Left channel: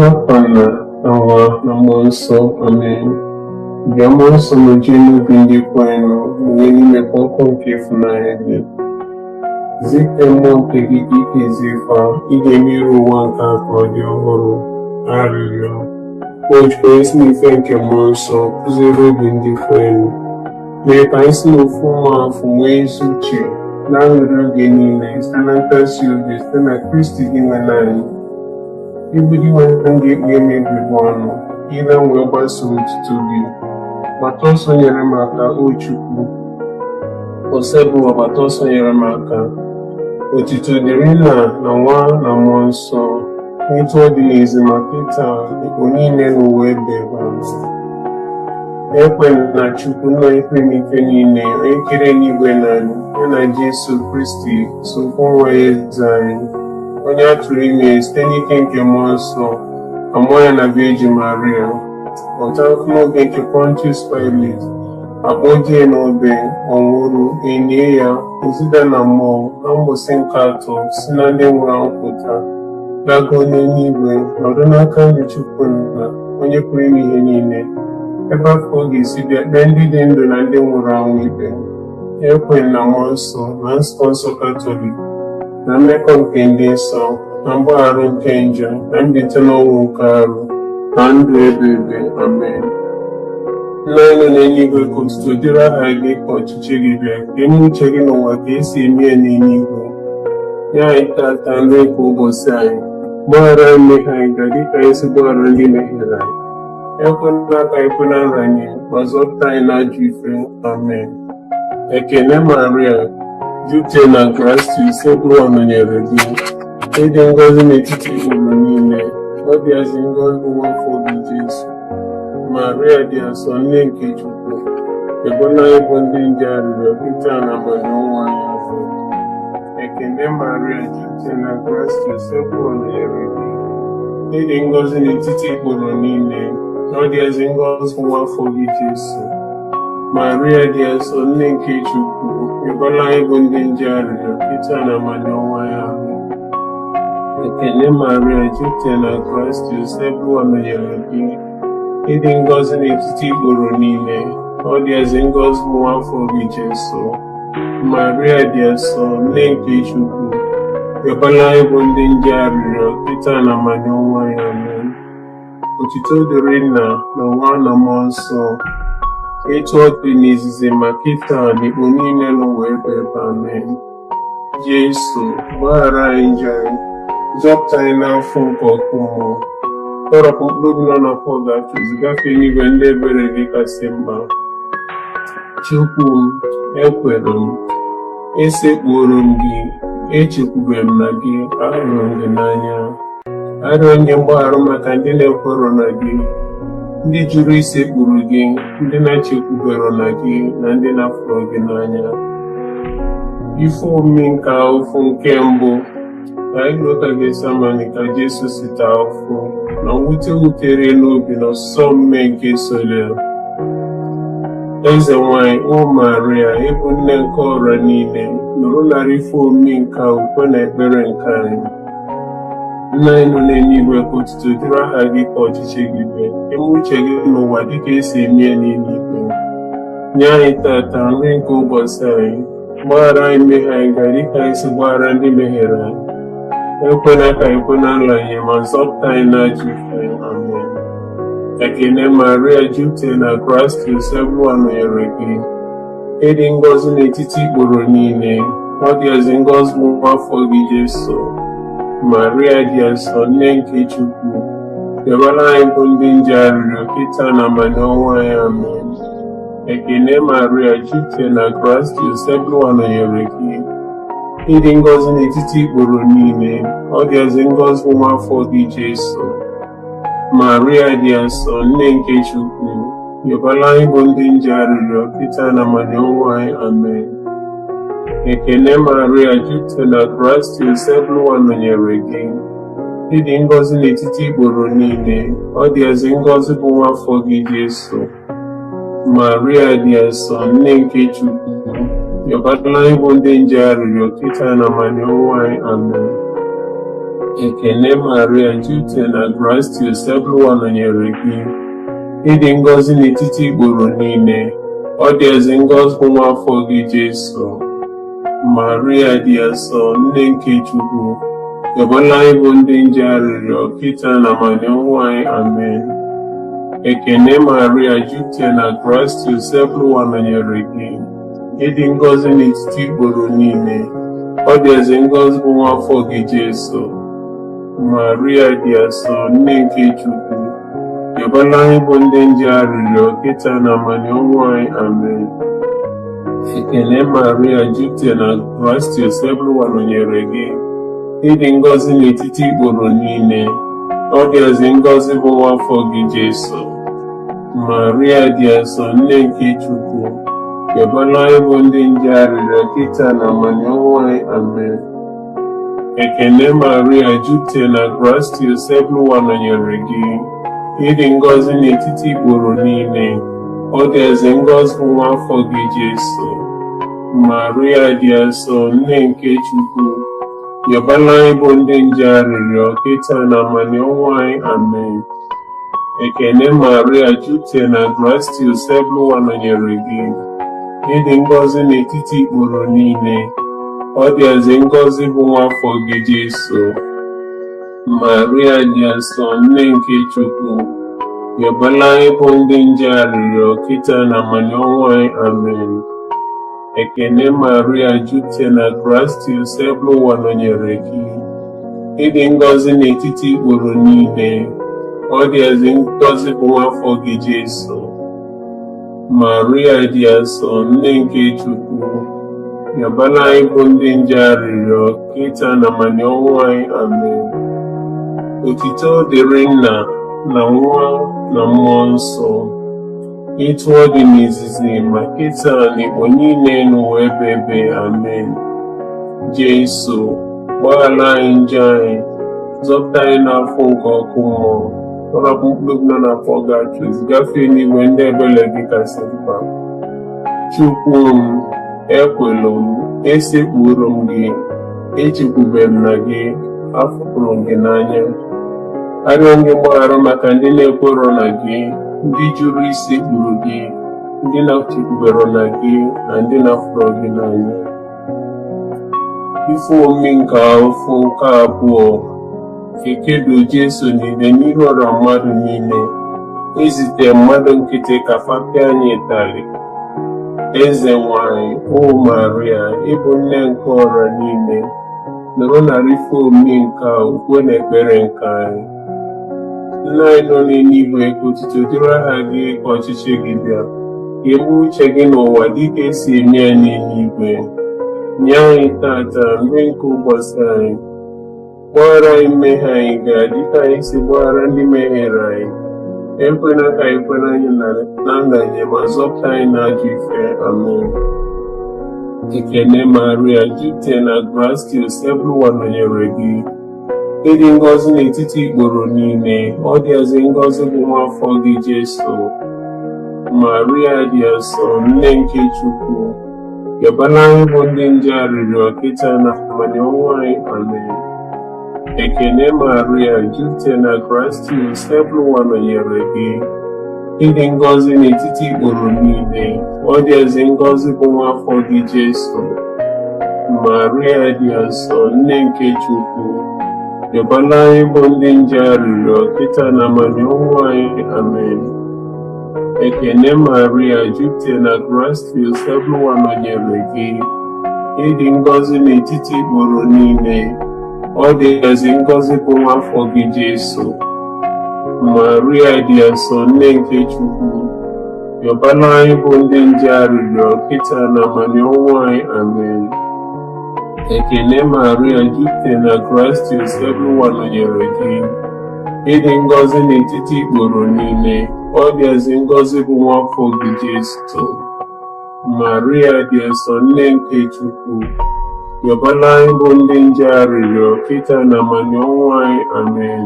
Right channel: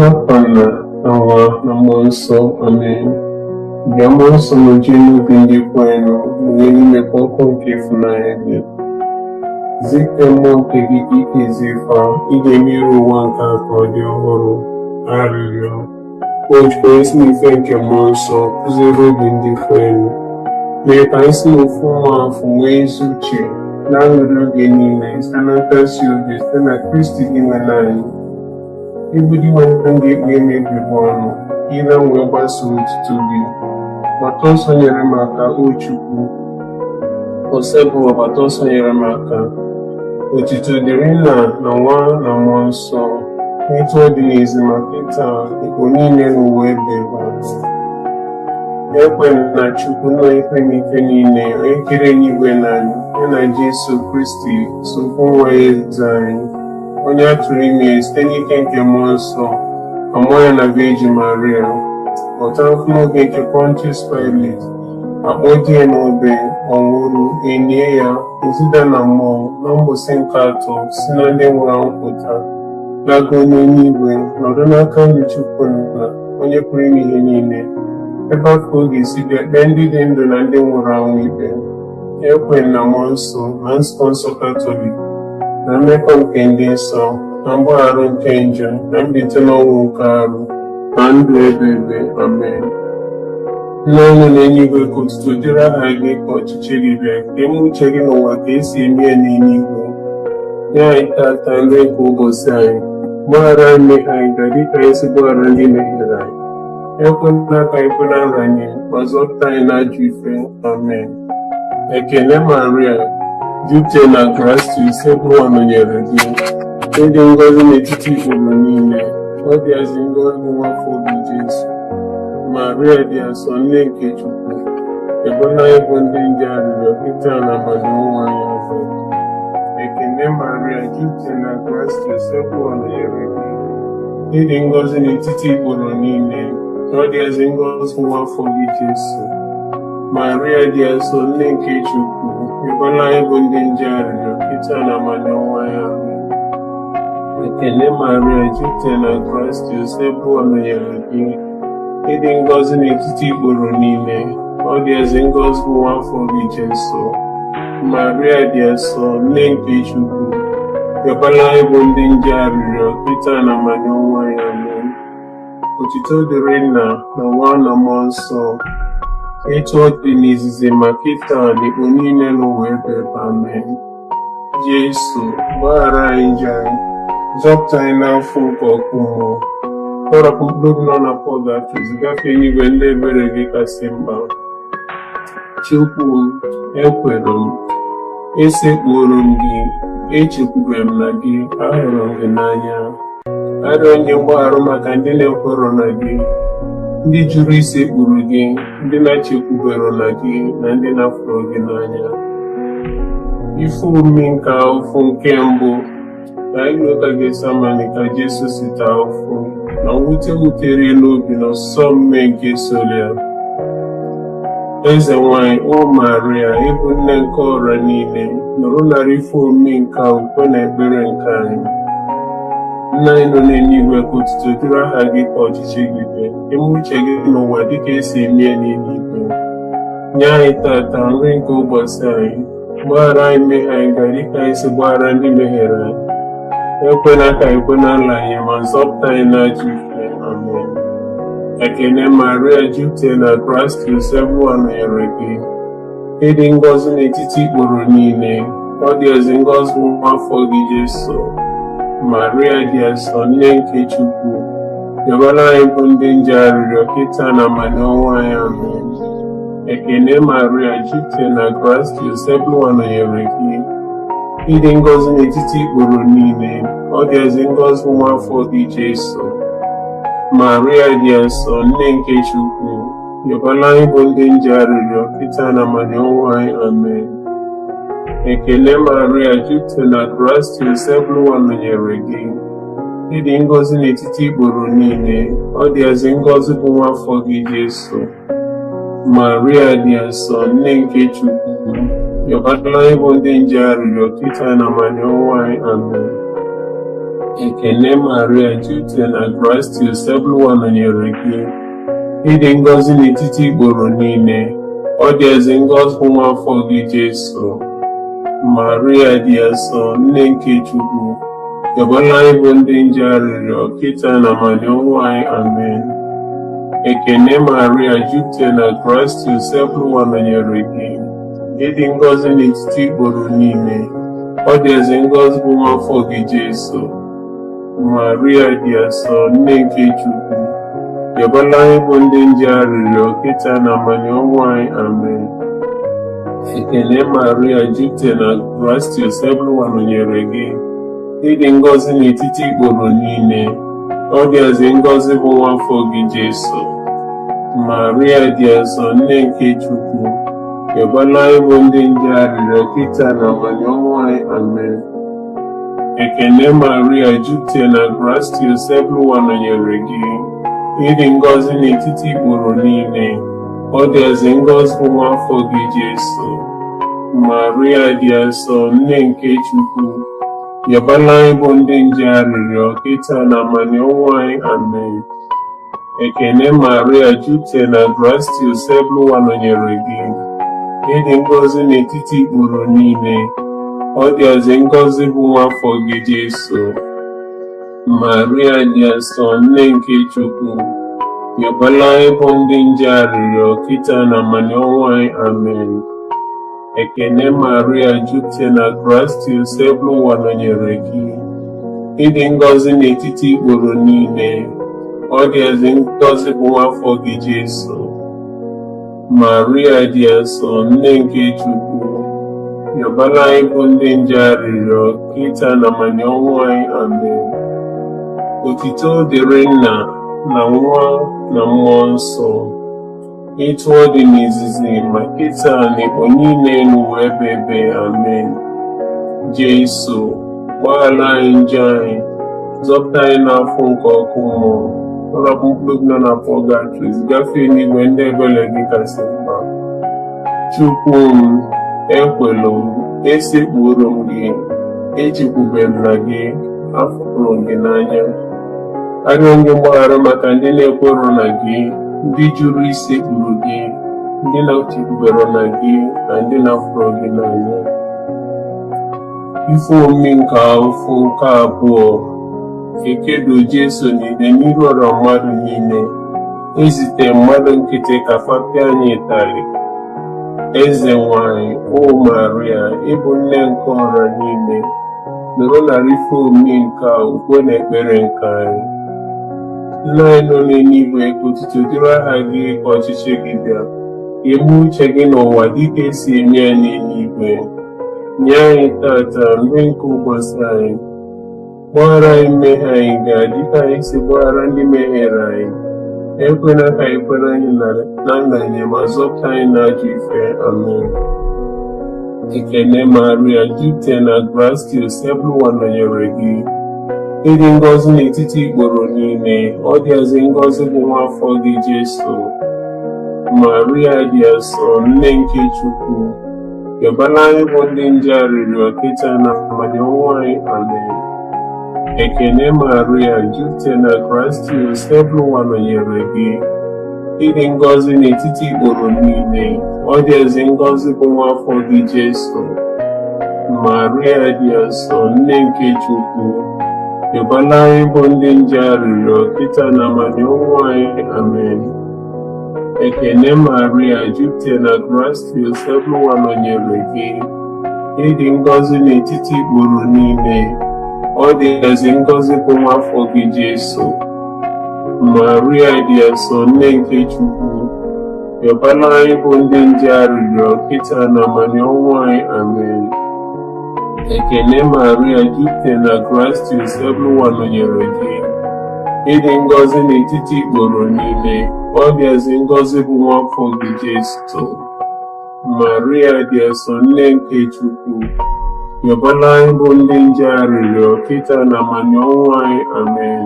N'afọ na Nwa na Mmụọ Nsọ, Amen. Bịa Mmụọ Nsọ nọjie n'obi ndị kwerenụ, mụnye n'imekwa ọkụ nke ịfụnanya gị. Zite mmụọ nke gị ka ikezi ife ị ga-eme iru ụwa nke a ka ọ dị ọhụrụ. Arịrịọ. O jikwa isi n'ife nke Mmụọ Nsọ kụziere obi ndị kwerenụ, mee ka anyị si n'ofu mmụọ afọ nwee ezi uche na-aṅụrị oge niile site na nkasi obi site na Kristi gị nwe anyị. Ibudi nwanne ndị ikpe emebi bụ ọnụ, ile wee gbasoo otuto gị. Gbata ọsọ nyere m aka, o Chukwu. Ose bụ ọgbata ọsọ nyere m aka. Otuto dịrị Nna na Nwa na Mmụọ Nsọ, etu ọ dị n'ezi ma kịta ikpo niile n'ụwa ebe amen. Ekwena na Chukwu nna ikpe n'ike niile, onye kere n'igwe na anyị, ya na Jesu Kristi sokwu nwa ya eze anyị, onye a tụrụ ime site n'ike nke Mmụọ Nsọ, amụọ ya na Virgin Maria, ọta n'oge nke Pontius Pilate, akpọ di ya n'obe, ọ nwụrụ, enye ya, ozida na mmụọ, na mgbụsị nke atọ si na ndị nwụrụ anwụ pụta, laga n'eluigwe, nọdụ n'aka nri Chukwu Nna, onye pụrụ ime ihe niile, ebe a ka ọ ga-esi bịa kpee ndị dị ndụ na ndị nwụrụ anwụ ikpe. Ekwe na Mmụọ Nsọ na nzukọ nsọ Katọlik, na mmekọ nke ndị nsọ, na mgbaghara nke njọ, na mbilite n'ọnwụ nke arụ, na ndụ ebighị ebi. Amen. Nna anyị nọ n'eluigwe, ka otuto dịrị aha gị, ka ọchịchị gị bịa, ka eme uche gị n'ụwa ka esi eme ya n'eluigwe. Nye anyị tata nri nke ụbọchị anyị, gbaghara anyị mmehie anyị ga dịka anyị si gbaghara ndị mehiere anyị. Ekwela ka anyị kwe na nranye, ma zọpụta anyị n'ajọ ife. Amen. Ekele Maria, jupụta na grace, Ebụwa nọnyere gị. Ịdị ngọzi n'etiti ikporo niile, ọ dịazị ngọzi bụ nwafọ gị Jesu. Maria dị asọ, nne nke Chukwu, ebola anyị bụ ndị nje arịrịọ kịta na abalị ọnwa anyị azụ. Ekele Maria, jupụta na grace, Ebụwa nọnyere gị. Ịdị ngọzi n'etiti ikporo niile, ọ dịazị ngọzi bụ nwafọ gị Jesu. Maria dị asọ, nne nke Chukwu, ebola anyị bụ ndị nje arịrịọ kịta na abalị ọnwa ya ahụ. Ekele Maria, jupụta na grace, Ebụwa nọnyere gị. Ịdị ngọzi n'etiti ikporo niile, ọ dịazị ngọzi bụ nwafọ gị Jesu. Maria dị asọ, nne nke Chukwu, ebola anyị bụ ndị nje arịrịọ kịta na abalị ọnwa ya ahụ. Otuto dịrị Nna na Nwa na Mmụọ Nsọ, etu ọ dị n'izizi ma kịta na ikpo niile n'ụwa ebe. Amen. Jesu, gbaghara anyị njọ anyị, zọpụta anyị n'afọ nke ọkụ mmụọ, tọrọpụ mkpụrụ obi nọ na Pọl ga-achụzi gafee n'igwe ndị ebere gị kasị mkpa. Chukwu m, ekwere m, esekpuoro m gị, echekwubere m na gị, ahụrụ m gị n'anya. Arịọ nye mgbaghara maka ndị na-ekwero na gị, ndị jụrụ isekpuru gị, ndị na-echekwubere na gị, na ndị na-afụrụ gị n'anya. Ife omume nke ahụfụ nke mbụ, ka anyị lụta Getsamani ka Jesu si taa ahụfụ, na mwute wutere n'obi na ọsụsọ mme nke Solia. Eze nwanyị, o Maria, ịbụ nne nke ọrịa niile, nụrụ narị ife omume nke ukwe na ekpere nke anyị. Nna anyị nọ n'eluigwe, ka otuto dịrị aha gị, ka ọchịchị gị bịa, eme uche gị n'ụwa dịka esi eme ya n'eluigwe. Nye anyị tata nri nke ụbọchị anyị, gbaghara anyị mmehie anyị ga dịka anyị si gbaghara ndị mehiere anyị. Ekwela ka anyị kwe na nranye, ma zọpụta anyị n'ajọ ife. Amen. Ekele Maria, jupụta na grace, Ebụwa nọnyere gị. Ịdị ngọzi n'etiti ikporo niile, ọ dịazị ngọzi bụ nwafọ gị Jesu. Maria dị asọ, nne nke Chukwu, ebola anyị bụ ndị nje arịrịọ kịta na abalị ọnwa ya. Amen. Ekele Maria, jupụta na grace, Ebụwa nọnyere gị. Ịdị ngọzi n'etiti ikporo niile, ọ dịazị ngọzi bụ nwafọ gị Jesu. Maria dị asọ, nne nke Chukwu, ebola anyị bụ ndị nje arịrịọ kịta na abalị ọnwa ya. Amen. Ekele Maria, jupụta na grace, Ebụwa nọnyere gị. Ịdị ngọzi n'etiti ikporo niile, ọ dịazị ngọzi bụ nwafọ gị Jesu. Maria dị asọ, nne nke Chukwu, ebola anyị bụ ndị nje arịrịọ kịta na abalị ọnwa ya. Amen. Ekele Maria, jupụtara na gracia, Osebụlụwa nọnyere gị. Ịdị ngọzi n'etiti igboro niile, ọ dị ezi ngọzi bụ nwa afọ gị Jesu. Maria dị asọ, nne nke Chukwu, yọbọla anyị bụ ndị nje arịrịọ, kịta na amani ọnwụ anyị. Amen. Ekele Maria, jupụtara na gracia, Osebụlụwa nọnyere gị. Ịdị ngọzi n'etiti igboro niile, ọ dị ezi ngọzi bụ nwa afọ gị Jesu. Maria dị asọ, nne nke Chukwu, yọbala anyị bụ ndị nje arịrịọ, kịta na amani ọnwụ anyị. Amen. Ekele Maria, jupụtara na gracia, Osebụlụwa nọnyere gị. Ịdị ngọzi n'etiti igboro niile, ọ dị ezi ngọzi bụ nwa afọ gị Jesu. Maria dị asọ, nne nke Chukwu, yọbala anyị bụ ndị nje arịrịọ, kịta na amani ọnwụ anyị. Amen. Ekele Maria, jupụtara na gracia, Osebụlụwa nọnyere gị. Ịdị ngọzi n'etiti igboro niile, ọ dị ezi ngọzi bụ nwa afọ gị Jesu. Maria dị asọ, nne nke Chukwu, yọbala anyị bụ ndị nje arịrịọ, kịta na amani ọnwụ anyị. Amen. Ekele Maria, jupụtara na gracia, Osebụlụwa nọnyere gị. Ịdị ngọzi n'etiti igboro niile, ọ dị ezi ngọzi bụ nwa afọ gị Jesu. Maria dị asọ, nne nke Chukwu, yọbala anyị bụ ndị nje arịrịọ, kịta na amani ọnwụ anyị. Amen. Ekele Maria, jupụtara na gracia, Osebụlụwa nọnyere gị. Ịdị ngọzi n'etiti igboro niile, ọ dị ezi ngọzi bụ nwa afọ gị Jesu. Maria dị asọ, nne nke Chukwu, yọbala anyị bụ ndị nje arịrịọ, kịta na amani ọnwụ anyị. Amen. Otito dịrị Nna na Nwa na Mmụọ Nsọ, etu ọ dị n'izizi ma kịta na igbo niile n'ụwa ebe ebe. Amen. Jesu, gbaghara anyị njọ anyị, zọpụta anyị n'afọ nke ọkụ mmụọ, ọlapụ mkpụrụ nọ n'afọ gachu, gafee n'igwe ndị ebere gị kasị mkpa. Chukwu m, ekwela m, esekpuru m gị, echekwube m na gị, afụrụ m gị n'anya. Arịọ m gị mgbaghara maka ndị na-ekwerọ na gị, ndị jụrụ isekpuru gị, ndị na-echekwubere na gị, na ndị na-afụrụ gị n'anya. Ife omimi nke afọ nke abụọ, ekedo Jesu niile n'iru ọra mmadụ niile, ezite mmadụ nkịtị ka fapịa anyị ịtarị. Eze nwanyị, o Maria, ịbụ nne nke ọra niile, nọrọ narị ife omimi nke a ukwe na ekpere nke anyị. Nna anyị nọ n'eluigwe, ka otuto dịrị aha gị, ka ọchịchị gị bịa, ka eme uche gị n'ụwa dịka esi eme ya n'eluigwe. Nye anyị tata nri nke ụbọchị anyị. Gbaghara anyị mmehie anyị ga-adịka anyị si gbaghara ndị mehiere anyị. Ekwela ka anyị kwere anyị na ndanye, ma zọpụta anyị n'ajọ ife. Amen. Ekele Maria, jupụtara na gracia, Osebụlụwa nọnyere gị. Ịdị ngọzi n'etiti igboro niile, ọ dị ezi ngọzi bụ nwa afọ gị Jesu. Maria dị asọ, nne nke Chukwu, yọbala anyị bụ ndị nje arịrịọ, kịta na amani ọnwụ anyị. Amen. Ekele Maria, jupụtara na gracia, Osebụlụwa nọnyere gị. Ịdị ngọzi n'etiti igboro niile, ọ dị ezi ngọzi bụ nwa afọ gị Jesu. Maria dị asọ, nne nke Chukwu, yọbala anyị bụ ndị nje arịrịọ, kịta na amani ọnwụ anyị. Amen. Ekele Maria, jupụtara na gracia, Osebụlụwa nọnyere gị. Ịdị ngọzi n'etiti igboro niile, ọ dị ezi ngọzi bụ nwa afọ gị Jesu. Maria dị asọ, nne nke Chukwu, yọbala anyị bụ ndị nje arịrịọ, kịta na amani ọnwụ anyị. Amen. Ekele Maria, jupụtara na gracia, Osebụlụwa nọnyere gị. Ịdị ngọzi n'etiti igboro niile, ọ dị ezi ngọzi bụ nwa afọ gị Jesu. Maria dị asọ, nne nke Chukwu, yọbala anyị bụ ndị nje arịrịọ, kịta na amani ọnwụ anyị. Amen.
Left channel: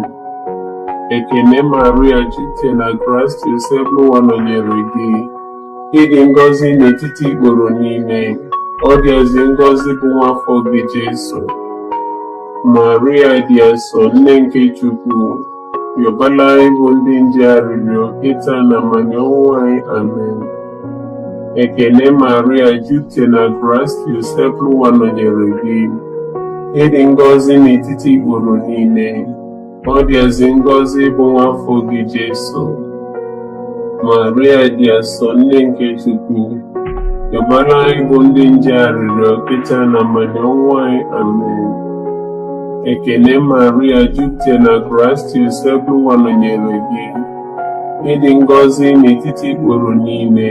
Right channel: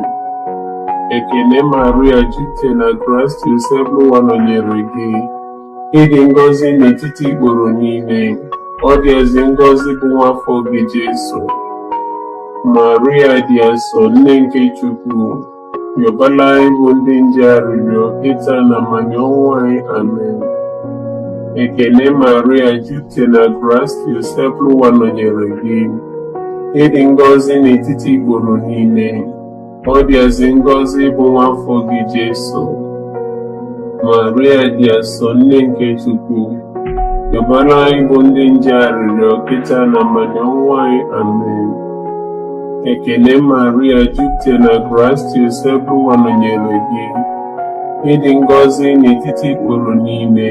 Ekele Maria, jupụtara na gracia, Osebụlụwa nọnyere gị. Ịdị ngọzi n'etiti igboro niile, ọ dị ezi ngọzi bụ nwa afọ gị Jesu. Maria dị asọ, nne nke Chukwu, rịọbara anyị bụ ndị nje arịrịọ kịta na mmanya ọnwụ anyị. Amen. Ekele Maria, jupụtara na gracia, Joseph nọnyere gị. Ịdị ngọzi n'etiti ikporo niile, ọ dịazị ngọzi bụ nwa afọ gị Jesu. Maria dị asọ, nne nke Chukwu, rịọbara anyị bụ ndị nje arịrịọ kịta na mmanya ọnwụ anyị. Amen. Ekele Maria, jupụtara na gracia, Joseph nọnyere gị. Ịdị ngọzi n'etiti ikporo niile,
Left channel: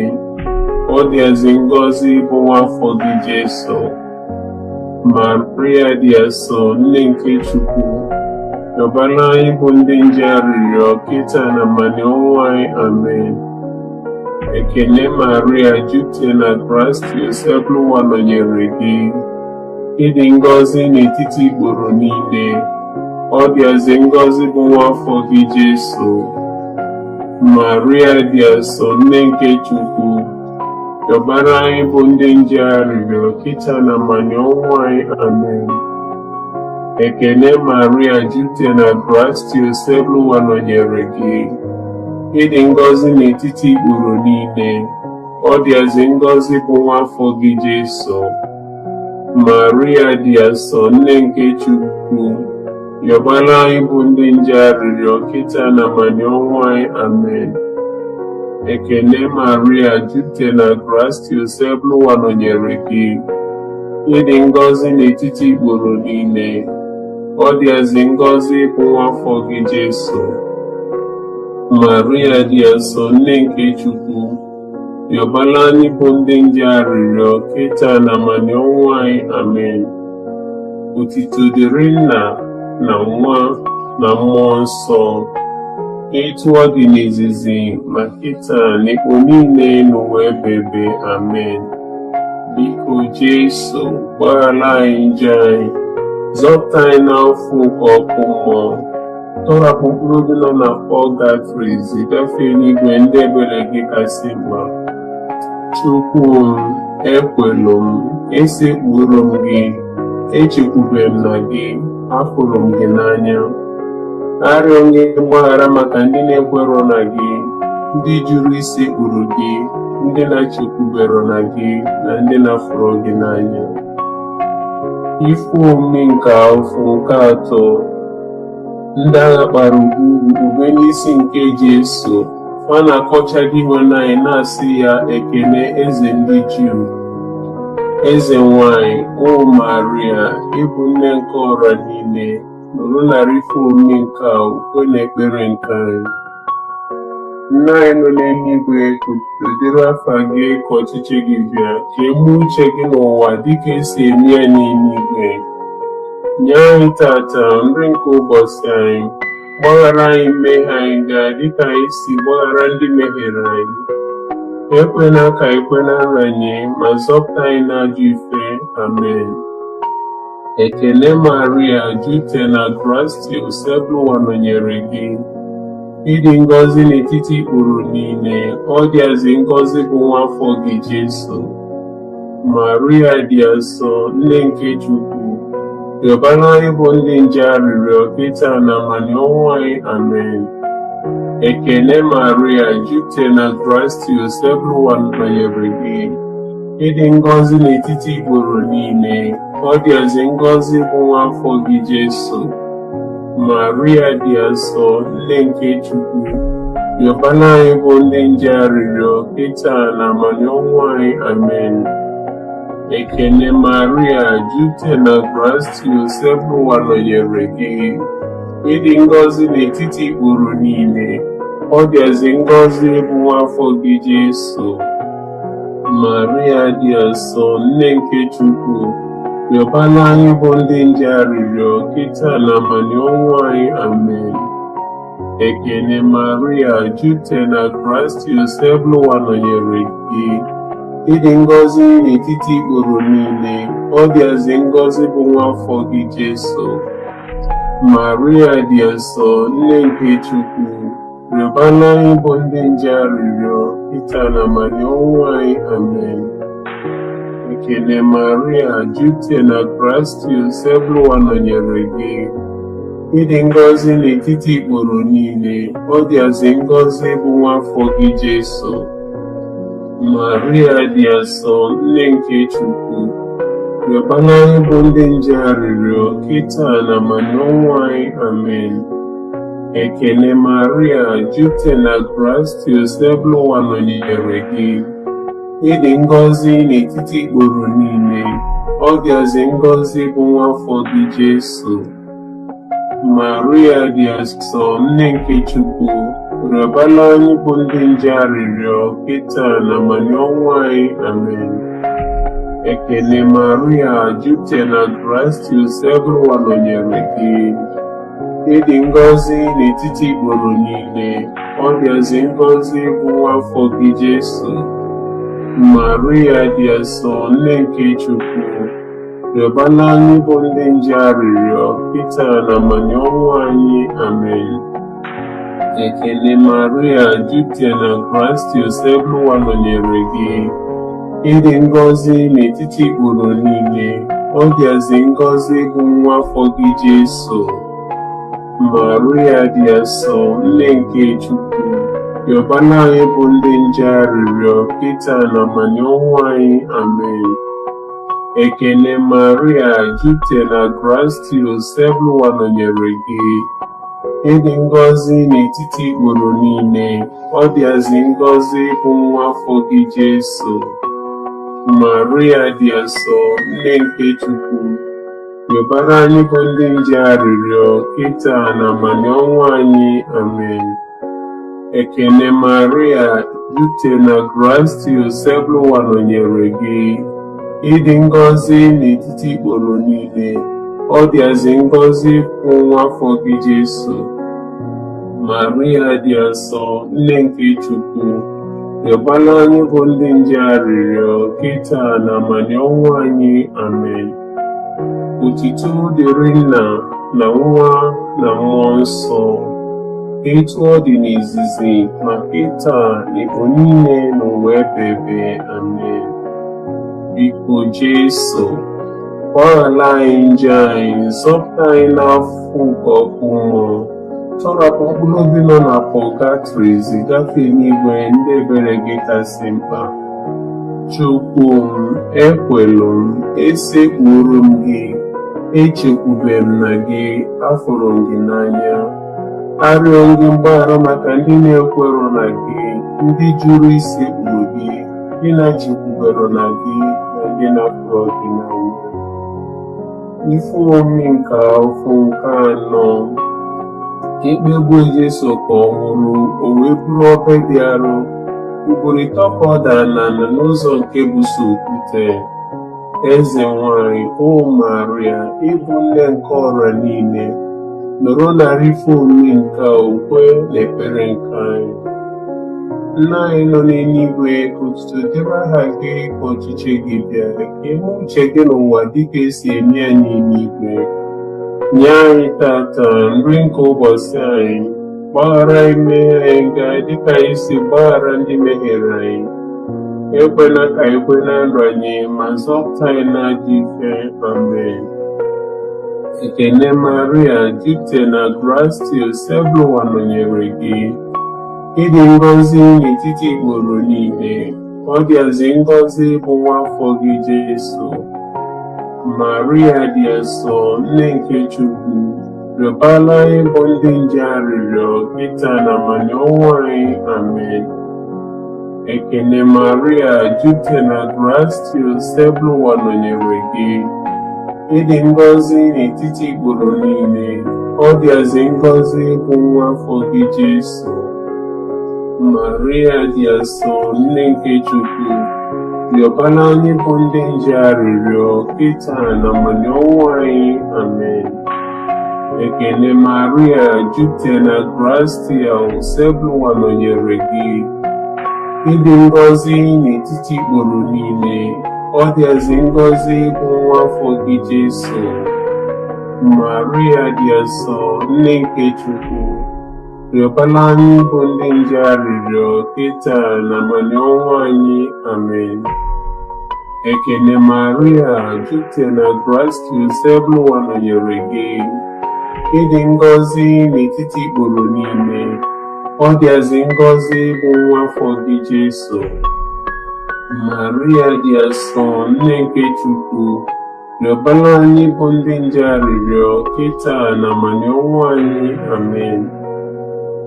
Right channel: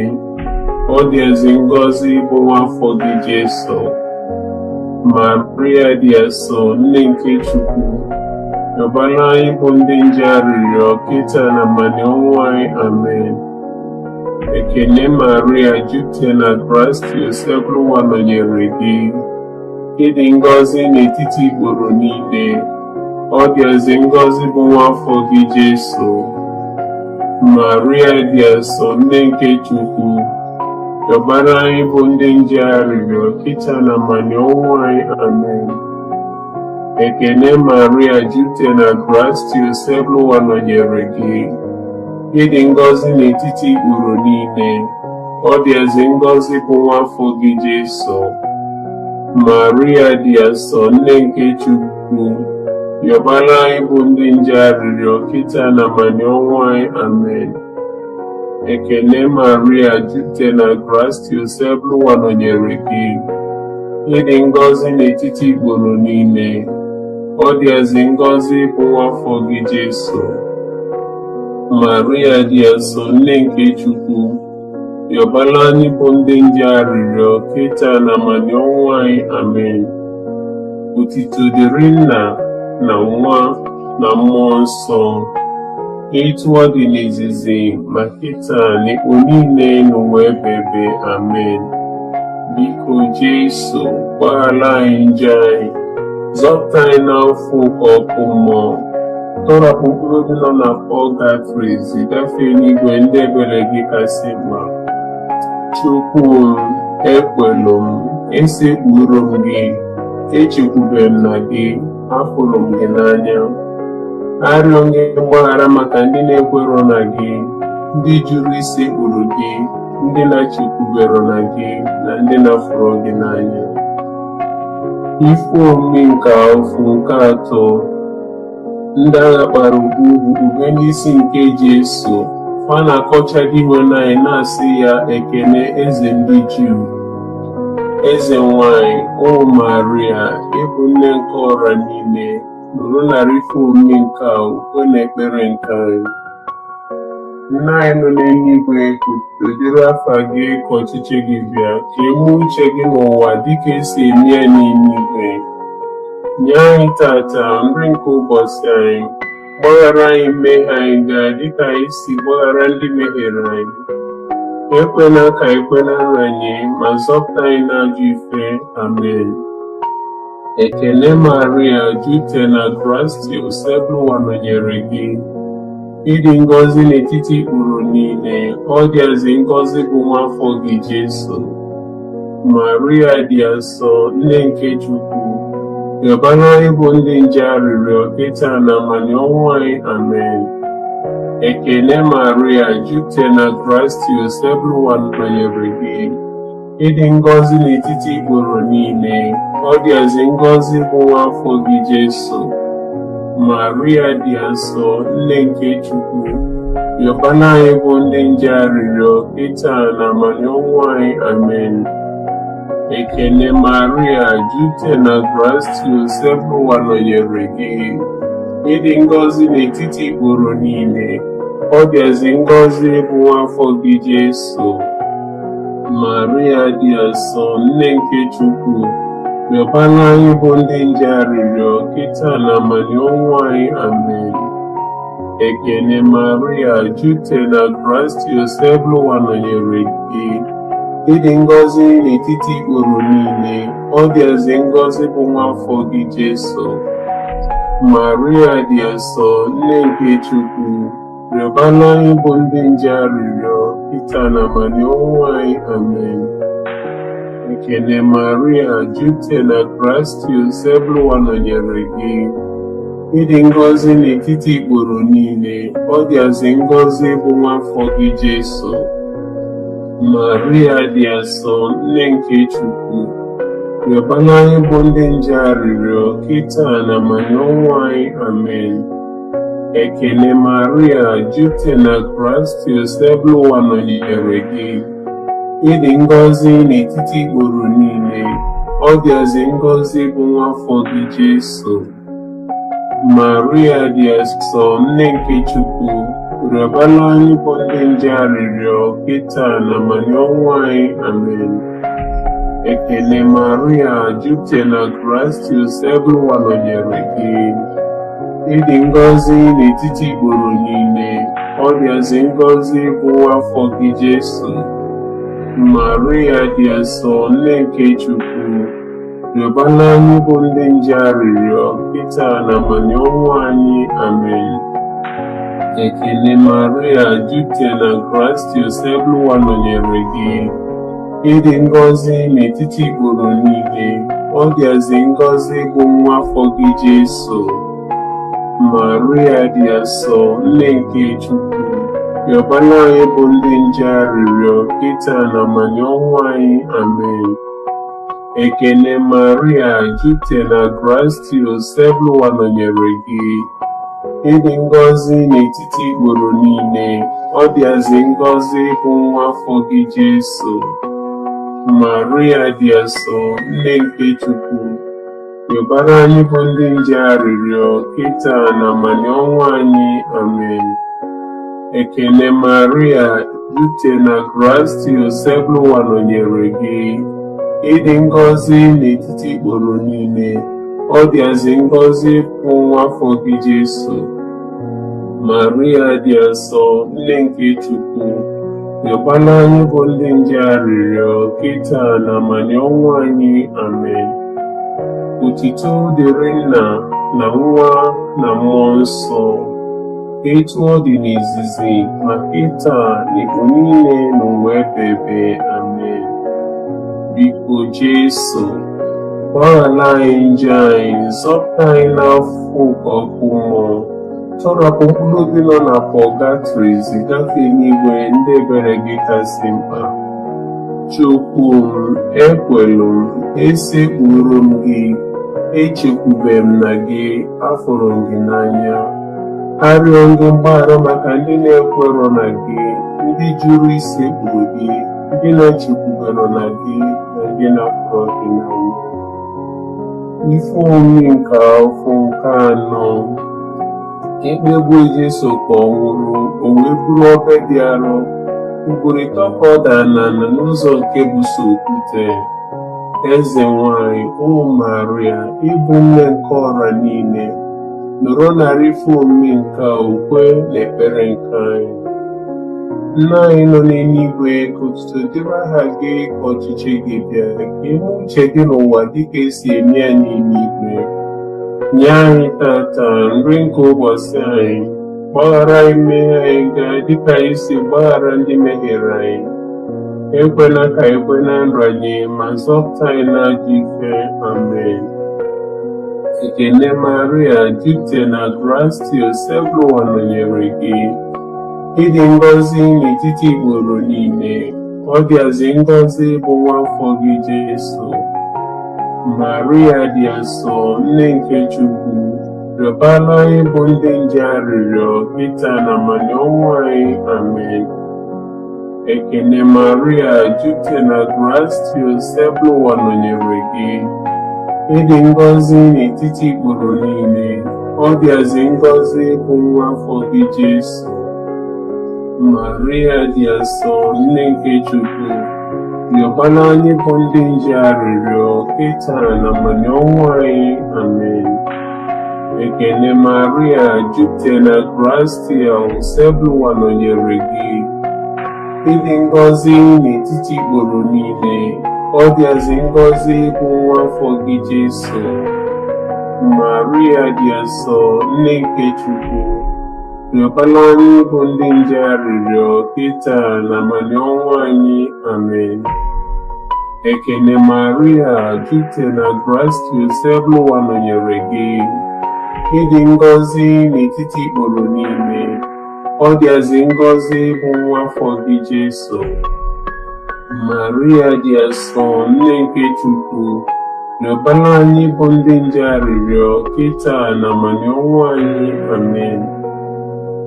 ọ dịazị ngọzi bụ nwa afọ gị Jesu. Maria dị asọ, nne nke Chukwu, rịọbara anyị bụ ndị nje arịrịọ kịta na mmanya ọnwụ anyị. Amen. Ekele Maria, jupụtara na gracia, Joseph nọnyere gị. Ịdị ngọzi n'etiti ikporo niile, ọ dịazị ngọzi bụ nwa afọ gị Jesu. Maria dị asọ, nne nke Chukwu, rịọbara anyị bụ ndị nje arịrịọ kịta na mmanya ọnwụ anyị. Amen. Ekele Maria, jupụtara na gracia, Joseph nọnyere gị. Ịdị ngọzi n'etiti ikporo niile, ọ dịazị ngọzi bụ nwa afọ gị Jesu. Maria dị asọ, nne nke Chukwu, rịọbara anyị bụ ndị nje arịrịọ kịta na mmanya ọnwụ anyị. Amen. Ekele Maria, jupụtara na gracia, Joseph nọnyere gị. Ịdị ngọzi n'etiti ikporo niile, ọ dịazị ngọzi bụ nwa afọ gị Jesu. Maria dị asọ, nne nke Chukwu, rịọbara anyị bụ ndị nje arịrịọ kịta na mmanya ọnwụ anyị. Amen. Otuto dịrị Nna na Nwa na Mmụọ Nsọ, etu ọ dị n'izizi ma kịta na ikpo niile n'ụwa ebighị. Amen. Biko Jesu, gbaghara anyị njọ anyị, zọpụta anyị n'afọ nke ọkụ mmụọ, tọrapụ mkpụrụ obi nọ na pọlgatrị, zigafee n'igwe ndị ebere gị kasị mma. Chukwu m, ekwelụ m, esekpuru m gị, echekwubere m na gị, hapụrụ m gị n'anya. Arịọ m gị mgbaghara maka ndị na-ekwerọ na gị, ndị jụrụ isekpuru gị, ndị na-echekwubere na gị, na ndị na-afụrụ gị n'anya. Ife omume nke afọ nke atọ, ndị agha kpara ube n'isi nke Jesu, fa na-akọcha dị nwe anyị na-asị ya, ekele eze ndị Juu. Eze nwanyị, o Maria, ịbụ nne nke ọra niile, nụrụ narị ife omume nke a, ukwe na ekpere nke anyị. Nna anyị nọ n'eluigwe, udiri afa gị, ka ọchịchị gị bịa, ka eme uche gị n'ụwa dịka esi eme ya n'eluigwe. Nye anyị tata nri nke ụbọchị anyị, gbaghara anyị mmehie anyị gaa dịka anyị si gbaghara ndị mehiere anyị. Ekwela ka ekwela anyị, ma zọpụta anyị n'ajọ ife. Amen. Ekele Maria, jupụtara na gracia, Joseph nọnyere gị. Ịdị ngọzi n'etiti ikporo niile, ọ dịazị ngọzi bụ nwa afọ gị Jesu. Maria dị asọ, nne nke Chukwu, rịọbara anyị bụ ndị nje arịrịọ kịta na mmanya ọnwụ anyị. Amen. Ekele Maria, jupụtara na gracia, Joseph nọnyere gị. Ịdị ngọzi n'etiti ikporo niile, ọ dịazị ngọzi bụ nwa afọ gị Jesu. Maria dị asọ, nne nke Chukwu, rịọbara anyị bụ ndị nje arịrịọ kịta na mmanya ọnwụ anyị. Amen. Ekele Maria, jupụtara na gracia, Joseph nọnyere gị. Ịdị ngọzi n'etiti ikporo niile, ọ dịazị ngọzi bụ nwa afọ gị Jesu. Maria dị asọ, nne nke Chukwu, rịọbara anyị bụ ndị nje arịrịọ kịta na mmanya ọnwụ anyị. Amen. Ekele Maria, jupụtara na gracia, Joseph nọnyere gị. Ịdị ngọzi n'etiti ikporo niile, ọ dịazị ngọzi bụ nwa afọ gị Jesu. Maria dị asọ, nne nke Chukwu, rịọbara anyị bụ ndị nje arịrịọ kịta na mmanya ọnwụ anyị. Amen. Ekele Maria, jupụtara na gracious, ebe ụwa nọnyere gị. Ịdị ngọzi n'etiti ikporo niile, ọ dịazị ngọzi bụ nwa afọ gị Jesu. Maria dị asọ, nne nke Chukwu, rịọbara anyị bụ ndị nje arịrịọ, kịta na ma n'ọnwụ anyị. Amen. Ekele Maria, jupụtara na gracious, ebe ụwa nọnyere gị. Ịdị ngọzi n'etiti ikporo niile, ọ dịazị ngọzi bụ nwa afọ gị Jesu. Maria dị asọ, nne nke Chukwu, rịọbara anyị bụ ndị nje arịrịọ, kịta na ma n'ọnwụ anyị. Amen. Ekele Maria, jupụtara na gracious, ebe ụwa nọnyere gị. Ịdị ngọzi n'etiti ikporo niile, ọ dịazị ngọzi bụ nwa afọ gị Jesu. Maria dị asọ, nne nke Chukwu, rịọbara anyị bụ ndị nje arịrịọ, kịta na ma n'ọnwụ anyị. Amen. Ekele Maria, jupụtara na gracious, ebe ụwa nọnyere gị. Ịdị ngọzi n'etiti ikporo niile, ọ dịazị ngọzi bụ nwa afọ gị Jesu. Maria dị asọ, nne nke Chukwu, rịọbara anyị bụ ndị nje arịrịọ, kịta na ma n'ọnwụ anyị. Amen. Ekele Maria, jupụtara na gracious, ebe ụwa nọnyere gị. Ịdị ngọzi n'etiti ikporo niile, ọ dịazị ngọzi bụ nwa afọ gị Jesu. Maria dị asọ, nne nke Chukwu, rịọbara anyị bụ ndị nje arịrịọ, kịta na ma n'ọnwụ anyị. Amen. Ekele Maria, jupụtara na gracious, ebe ụwa nọnyere gị. Ịdị ngọzi n'etiti ikporo niile, ọ dịazị ngọzi bụ nwa afọ gị Jesu. Maria dị asọ, nne nke Chukwu, rịọbara anyị bụ ndị nje arịrịọ, kịta na ma n'ọnwụ anyị. Amen. Otito dịrị Nna na Nwa na Mmụọ Nsọ, etu ọ dị n'izizi, ma kịta na igbo niile n'ụwa ebighị ebi. Amen. Biko Jesu, gbaghara anyị njọ anyị, zọpụta anyị n'afọ nke ọkụ mmụọ, tọrapụ mkpụrụ obi nọ na pọgatrị, zigafee n'igwe ndị ebere gị kasị mkpa. Chukwu m, ekwelu m, esekpuru m gị, echekwube m na gị, afụrụ m gị n'anya. Arịọ gị mgbaghara maka ndị na-ekwerọ na gị, ndị jụrụ isekpuru gị, ndị na-echekwubero na gị, na ndị na-afụrụ gị n'anya. Ife omimi nke afọ nke anọ, ikpegbu Jesu ka ọ nwụrụ, o wee bụrụ obe dị arọ, ugboro ịtọ ka ọ dara n'ala n'ụzọ nke buso okwute. Eze nwanyị, o Maria, ịbụ nne nke ọra niile, nọrọ narị ife omimi nke okwe na ekpere nke anyị. Nna anyị nọ n'eluigwe, ka otuto dịrị aha gị, ka ọchịchị gị bịa, ka ime uche gị n'ụwa dịka esi eme ya n'eluigwe. Nye anyị tata nri nke ụbọchị anyị, gbaghara anyị mmehie anyị gaa dịka anyị si gbaghara ndị mehiere anyị. Ekwela ka anyị kwe na nranye, ma zọpụta anyị n'ajọ ife. Amen. Ekele Maria, jupụtara na gracious, ebe ụwa nọnyere gị. Ịdị ngọzi n'etiti ikporo niile, ọ dịazị ngọzi bụ nwa afọ gị Jesu. Maria dị asọ, nne nke Chukwu, rịọbara anyị bụ ndị nje arịrịọ, kịta na ma n'ọnwụ anyị. Amen. Ekele Maria, jupụtara na gracious, ebe ụwa nọnyere gị. Ịdị ngọzi n'etiti ikporo niile, ọ dịazị ngọzi bụ nwa afọ gị Jesu. Maria dị asọ, nne nke Chukwu, rịọbara anyị bụ ndị nje arịrịọ, kịta na ma n'ọnwụ anyị. Amen. Ekele Maria, jupụtara na gracious, ebe ụwa nọnyere gị. Ịdị ngọzi n'etiti ikporo niile, ọ dịazị ngọzi bụ nwa afọ gị Jesu. Maria dị asọ, nne nke Chukwu, rịọbara anyị bụ ndị nje arịrịọ, kịta na ma n'ọnwụ anyị. Amen. Ekene Maria, jupụtara na grace, Ebụwa nọnyere gị. Ịdị ngọzi n'etiti ikporo niile, ọ dịazị ngọzi bụ nwa afọ gị Jesu. Maria dị asọ, nne nke Chukwu, rịọbara anyị bụ ndị nje arịrịọ kịta na amani ọnwụ anyị. Amen.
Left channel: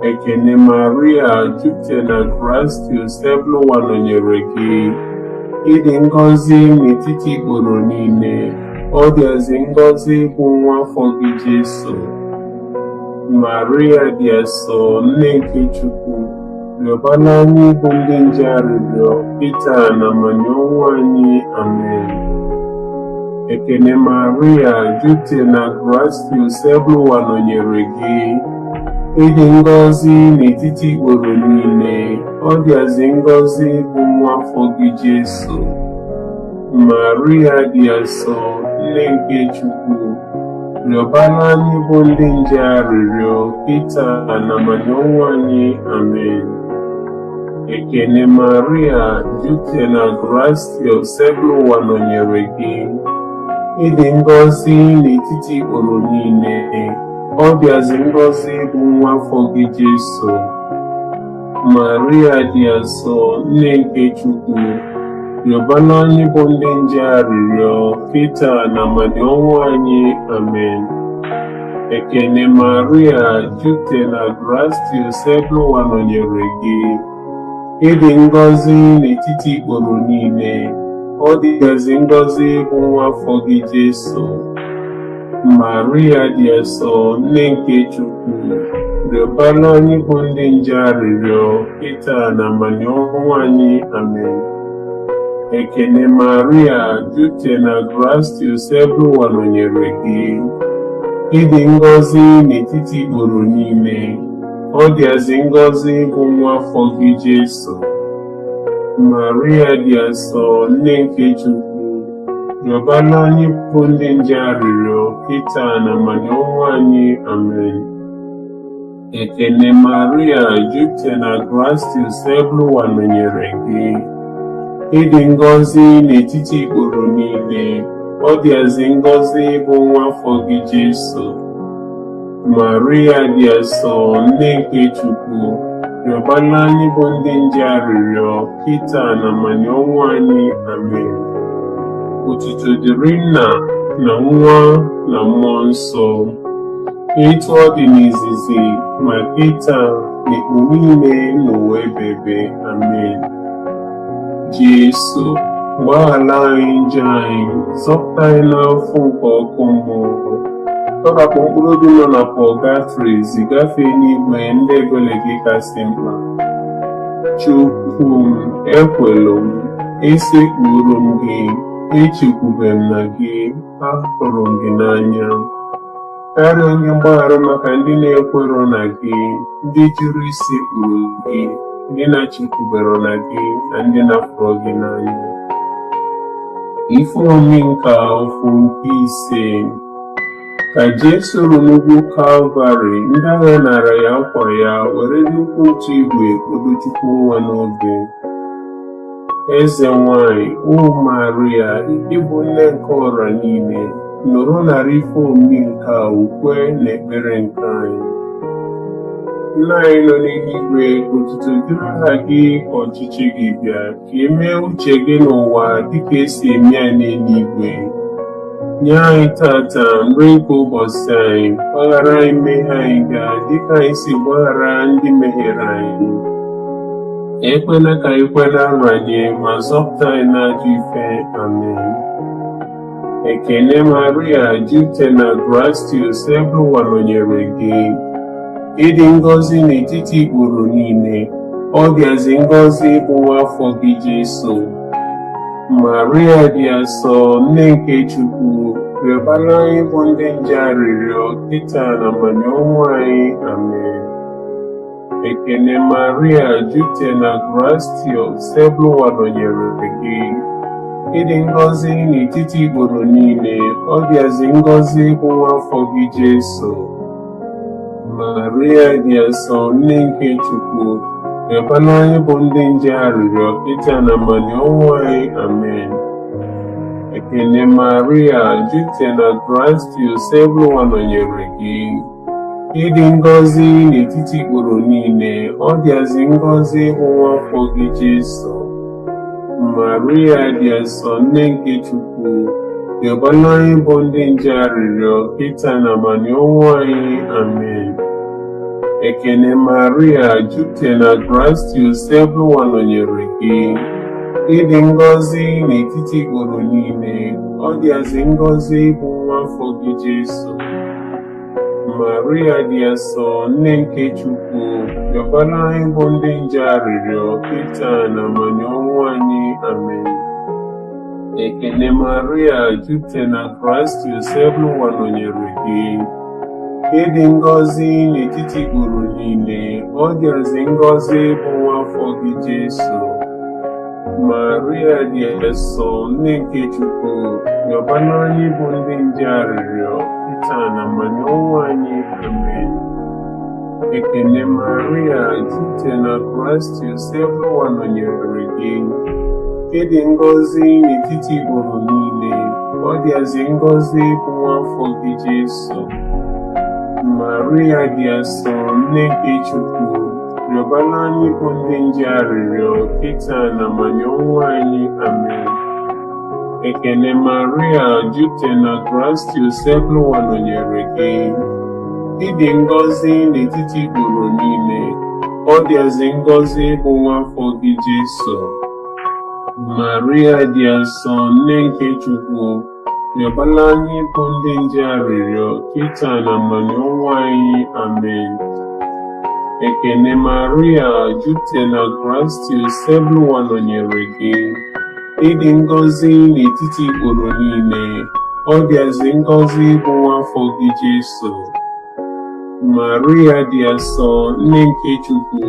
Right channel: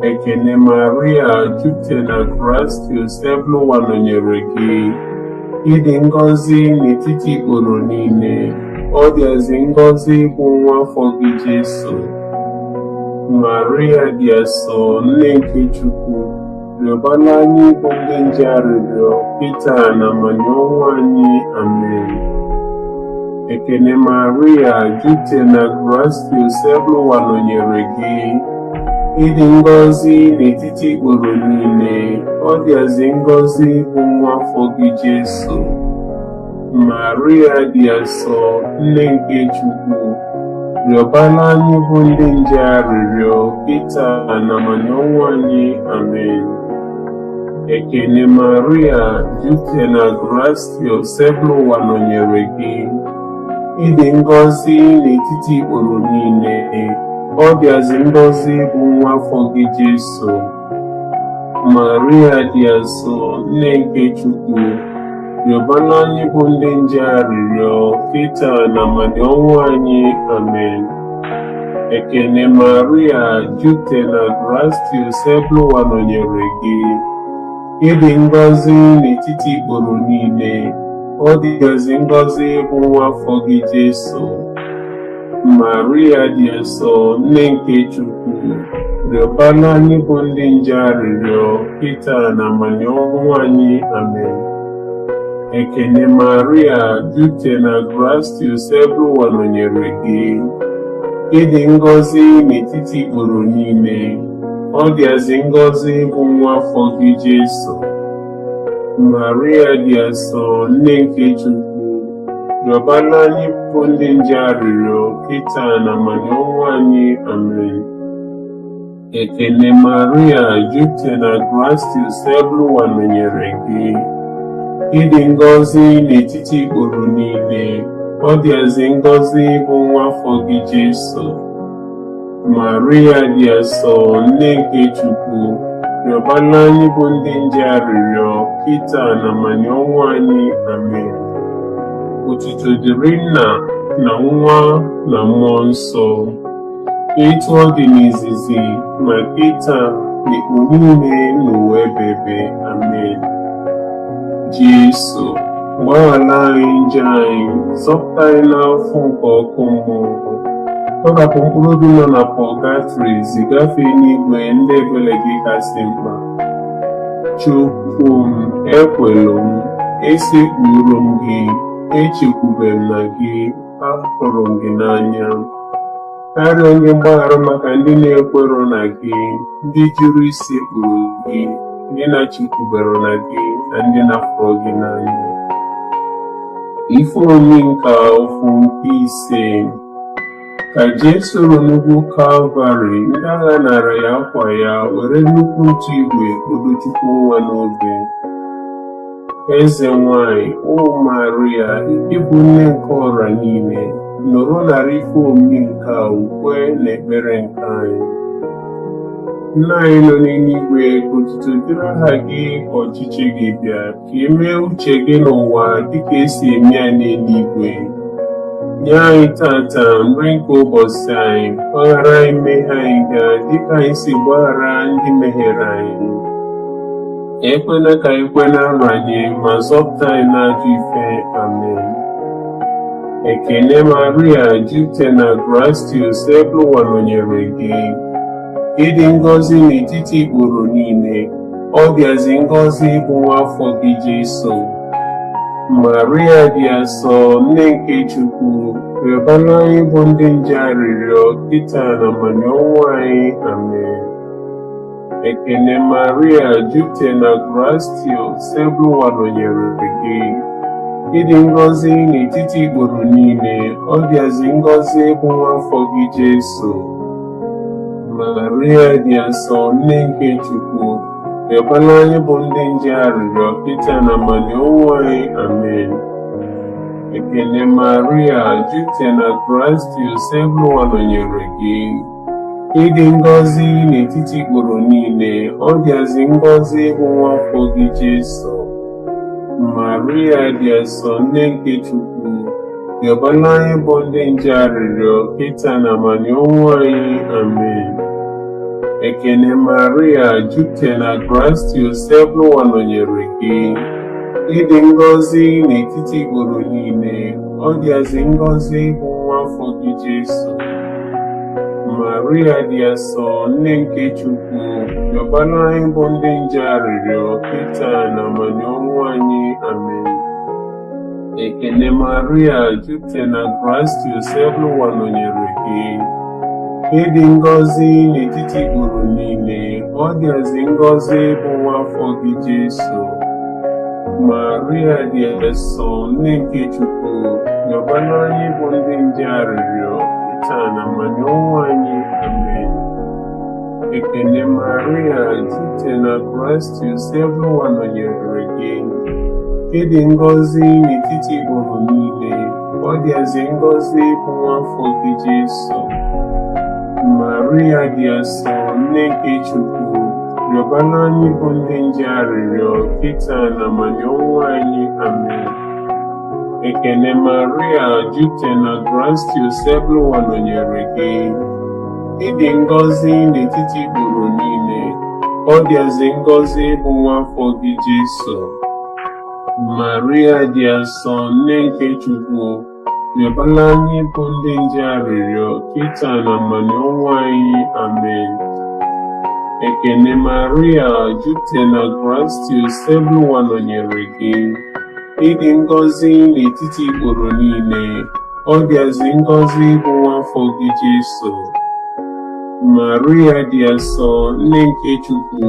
Ekene Maria, jupụtara na grace, Ebụwa nọnyere gị. Ịdị ngọzi n'etiti ikporo niile, ọ dịazị ngọzi bụ nwa afọ gị Jesu. Maria dị asọ, nne nke Chukwu, rịọbara anyị bụ ndị nje arịrịọ kịta na amani ọnwụ anyị. Amen. Ekene Maria, jupụtara na grace, Ebụwa nọnyere gị. Ịdị ngọzi n'etiti ikporo niile, ọ dịazị ngọzi bụ nwa afọ gị Jesu. Maria dị asọ, nne nke Chukwu, rịọbara anyị bụ ndị nje arịrịọ kịta na amani ọnwụ anyị. Amen. Ekene Maria, jupụtara na grace, Ebụwa nọnyere gị. Ịdị ngọzi n'etiti ikporo niile, ọ dịazị ngọzi bụ nwa afọ gị Jesu. Maria dị asọ, nne nke Chukwu, rịọbara anyị bụ ndị nje arịrịọ kịta na amani ọnwụ anyị. Amen. Ekene Maria, jupụtara na grace, Ebụwa nọnyere gị. Ịdị ngọzi n'etiti ikporo niile, ọ dịazị ngọzi bụ nwa afọ gị Jesu. Maria dị asọ, nne nke Chukwu, rịọbara anyị bụ ndị nje arịrịọ kịta na amani ọnwụ anyị. Amen. Ekene Maria, jupụtara na grace, Ebụwa nọnyere gị. Ịdị ngọzi n'etiti ikporo niile, ọ dịazị ngọzi bụ nwa afọ gị Jesu. Maria dị asọ, nne nke Chukwu, rịọbara anyị bụ ndị nje arịrịọ kịta na amani ọnwụ anyị. Amen. Ekene Maria, jupụtara na grace, Ebụwa nọnyere gị. Ịdị ngọzi n'etiti ikporo niile, ọ dịazị ngọzi bụ nwa afọ gị Jesu. Maria dị asọ, nne nke Chukwu, rịọbara anyị bụ ndị nje arịrịọ kịta na amani ọnwụ anyị. Amen. Otuto dịrị Nna na Nwa na Mmụọ Nsọ, etu ọ dị n'izizi ma kịta na ekpu niile n'ụwa ebebe. Amen. Jesu, gbaghara anyị njọ anyị, zọpụta anyị n'afọ nke ọkụ mmụọ, tọrapụ mkpụrụ obi nọ na pọgatrị, zigafee n'igwe ndị ebere gị kasị mkpa. Chukwu m, ekwelu m, esekpuru m gị, echekwube m na gị, ahụrụ m gị n'anya. Karịa onye mgbaghara maka ndị na-ekwero na gị, ndị jụrụ isekpuru gị, ndị na-echekwubero na gị, na ndị na-afụrụ gị n'anya. Ife omimi nke ofu nke ise. Ka Jesu nọ n'ugwu Kalvarị, ndị agha nara ya akwa ya, were nnukwu otu igwe kpodo Chukwu nwa n'obe. Eze nwanyị, o Maria, ịbụ nne nke ọra niile, nọrọ nara ife omimi nke a ukwe na ekpere nke anyị. Nna anyị nọ n'eluigwe, ka otuto dịrị aha gị, ka ọchịchị gị bịa, ka emee uche gị n'ụwa dịka esi eme ya n'eluigwe. Nye anyị tata nri nke ụbọchị anyị, gbaghara anyị mmehie anyị gaa dịka anyị si gbaghara ndị mehiere anyị. Ekwela ka anyị kwe na nranye, ma zọpụta anyị n'ajọ ife. Amen. Ekene Maria, jupụtara na grace, Ebụwa nọnyere gị. Ịdị ngọzi n'etiti ikporo niile, ọ dịazị ngọzi bụ nwa afọ gị Jesu. Maria dị asọ, nne nke Chukwu, rịọbara anyị bụ ndị nje arịrịọ kịta na amani ọnwụ anyị. Amen. Ekene Maria, jupụtara na grace, Ebụwa nọnyere gị. Ịdị ngọzi n'etiti ikporo niile, ọ dịazị ngọzi bụ nwa afọ gị Jesu. Maria dị asọ, nne nke Chukwu, rịọbara anyị bụ ndị nje arịrịọ kịta na amani ọnwụ anyị. Amen. Ekele Maria, jupụtara na Kraịst, Yosefu nọnyere gị. Ịdị ngọzi n'etiti ikporo niile, ọ dịazị ngọzi bụ nwa afọ gị Jesu. Maria dị asọ, nne nke Chukwu, rịọbara anyị bụ ndị nje arịrịọ kịta na abalị ọnwụ anyị. Amen. Ekele Maria, jupụtara na Kraịst, Yosefu nọnyere gị. Ịdị ngọzi n'etiti ikporo niile, ọ dịazị ngọzi bụ nwa afọ gị Jesu. Maria dị asọ, nne nke Chukwu, rịọbara anyị bụ ndị nje arịrịọ kịta na abalị ọnwụ anyị. Amen. Ekele Maria, jupụtara na Kraịst, Yosefu nọnyere gị. Ịdị ngọzi n'etiti ikporo niile, ọ dịazị ngọzi bụ nwa afọ gị Jesu. Maria dị asọ, nne nke Chukwu, rịọbara anyị bụ ndị nje arịrịọ kịta na abalị ọnwụ anyị. Amen. Ekele Maria, jupụtara na Kraịst, Yosefu nọnyere gị. Ịdị ngọzi n'etiti ikporo niile, ọ dịazị ngọzi bụ nwa afọ gị Jesu. Maria dị asọ, nne nke Chukwu, rịọbara anyị bụ ndị nje arịrịọ kịta na abalị ọnwụ anyị. Amen. Ekele Maria, jupụtara na Kraịst, Yosefu nọnyere gị. Ịdị ngọzi n'etiti ikporo niile, ọ dịazị ngọzi bụ nwa afọ gị Jesu. Maria dị asọ, nne nke Chukwu, rịọbara anyị bụ ndị nje arịrịọ kịta na abalị ọnwụ anyị. Amen. Ekele Maria, jupụtara na Kraịst, Yosefu nọnyere gị. Ịdị ngọzi n'etiti ikporo niile, ọ dịazị ngọzi bụ nwa afọ gị Jesu. Maria dị asọ, nne nke Chukwu,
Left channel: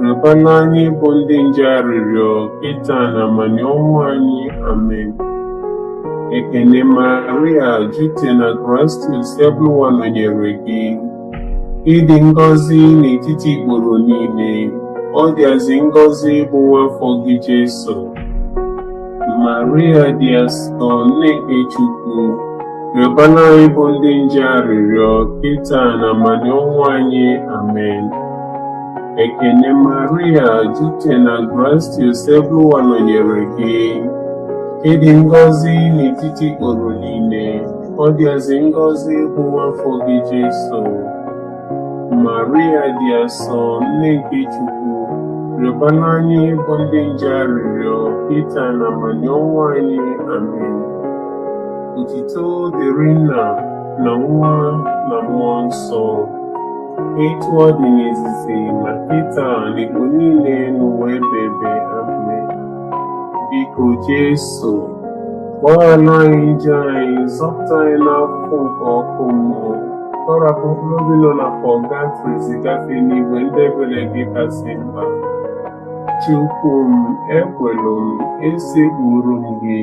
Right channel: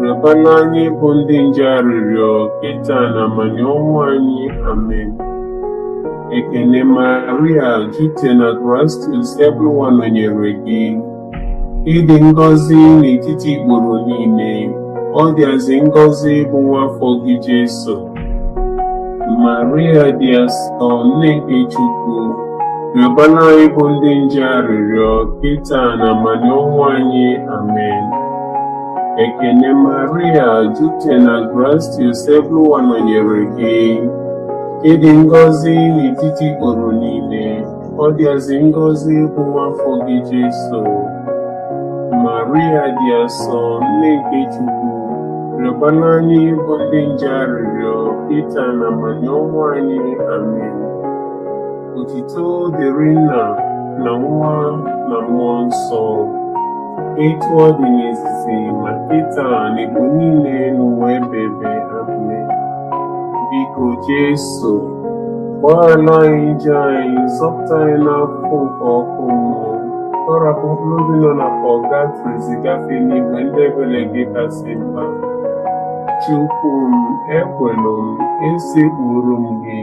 rịọbara anyị bụ ndị nje arịrịọ kịta na abalị ọnwụ anyị. Amen. Ekele Maria, jupụtara na Kraịst, Yosefu nọnyere gị. Ịdị ngọzi n'etiti ikporo niile, ọ dịazị ngọzi bụ nwa afọ gị Jesu. Maria dị asọ, nne nke Chukwu, rịọbara anyị bụ ndị nje arịrịọ kịta na abalị ọnwụ anyị. Amen. Ekele Maria, jupụtara na Kraịst, Yosefu nọnyere gị. Ịdị ngọzi n'etiti ikporo niile, ọ dịazị ngọzi bụ nwa afọ gị Jesu. Maria dị asọ, nne nke Chukwu, rịọbara anyị bụ ndị nje arịrịọ kịta na abalị ọnwụ anyị. Amen. Otuto dịrị Nna na Nwa na Mmụọ Nsọ, etu ọ dị n'izizi ma kịta na igbo niile n'ụwa ebebe. Amen. Biko Jesu, gbaghara anyị njọ anyị, zọpụta anyị n'afọ nke ọkụ mmụọ. Tọrapụ mkpụrụ obi nọ na pọgatrị zigafe n'igwe ndị ebere gị kasị mkpa. Chukwu m, ekwelu m, esekpuru m gị,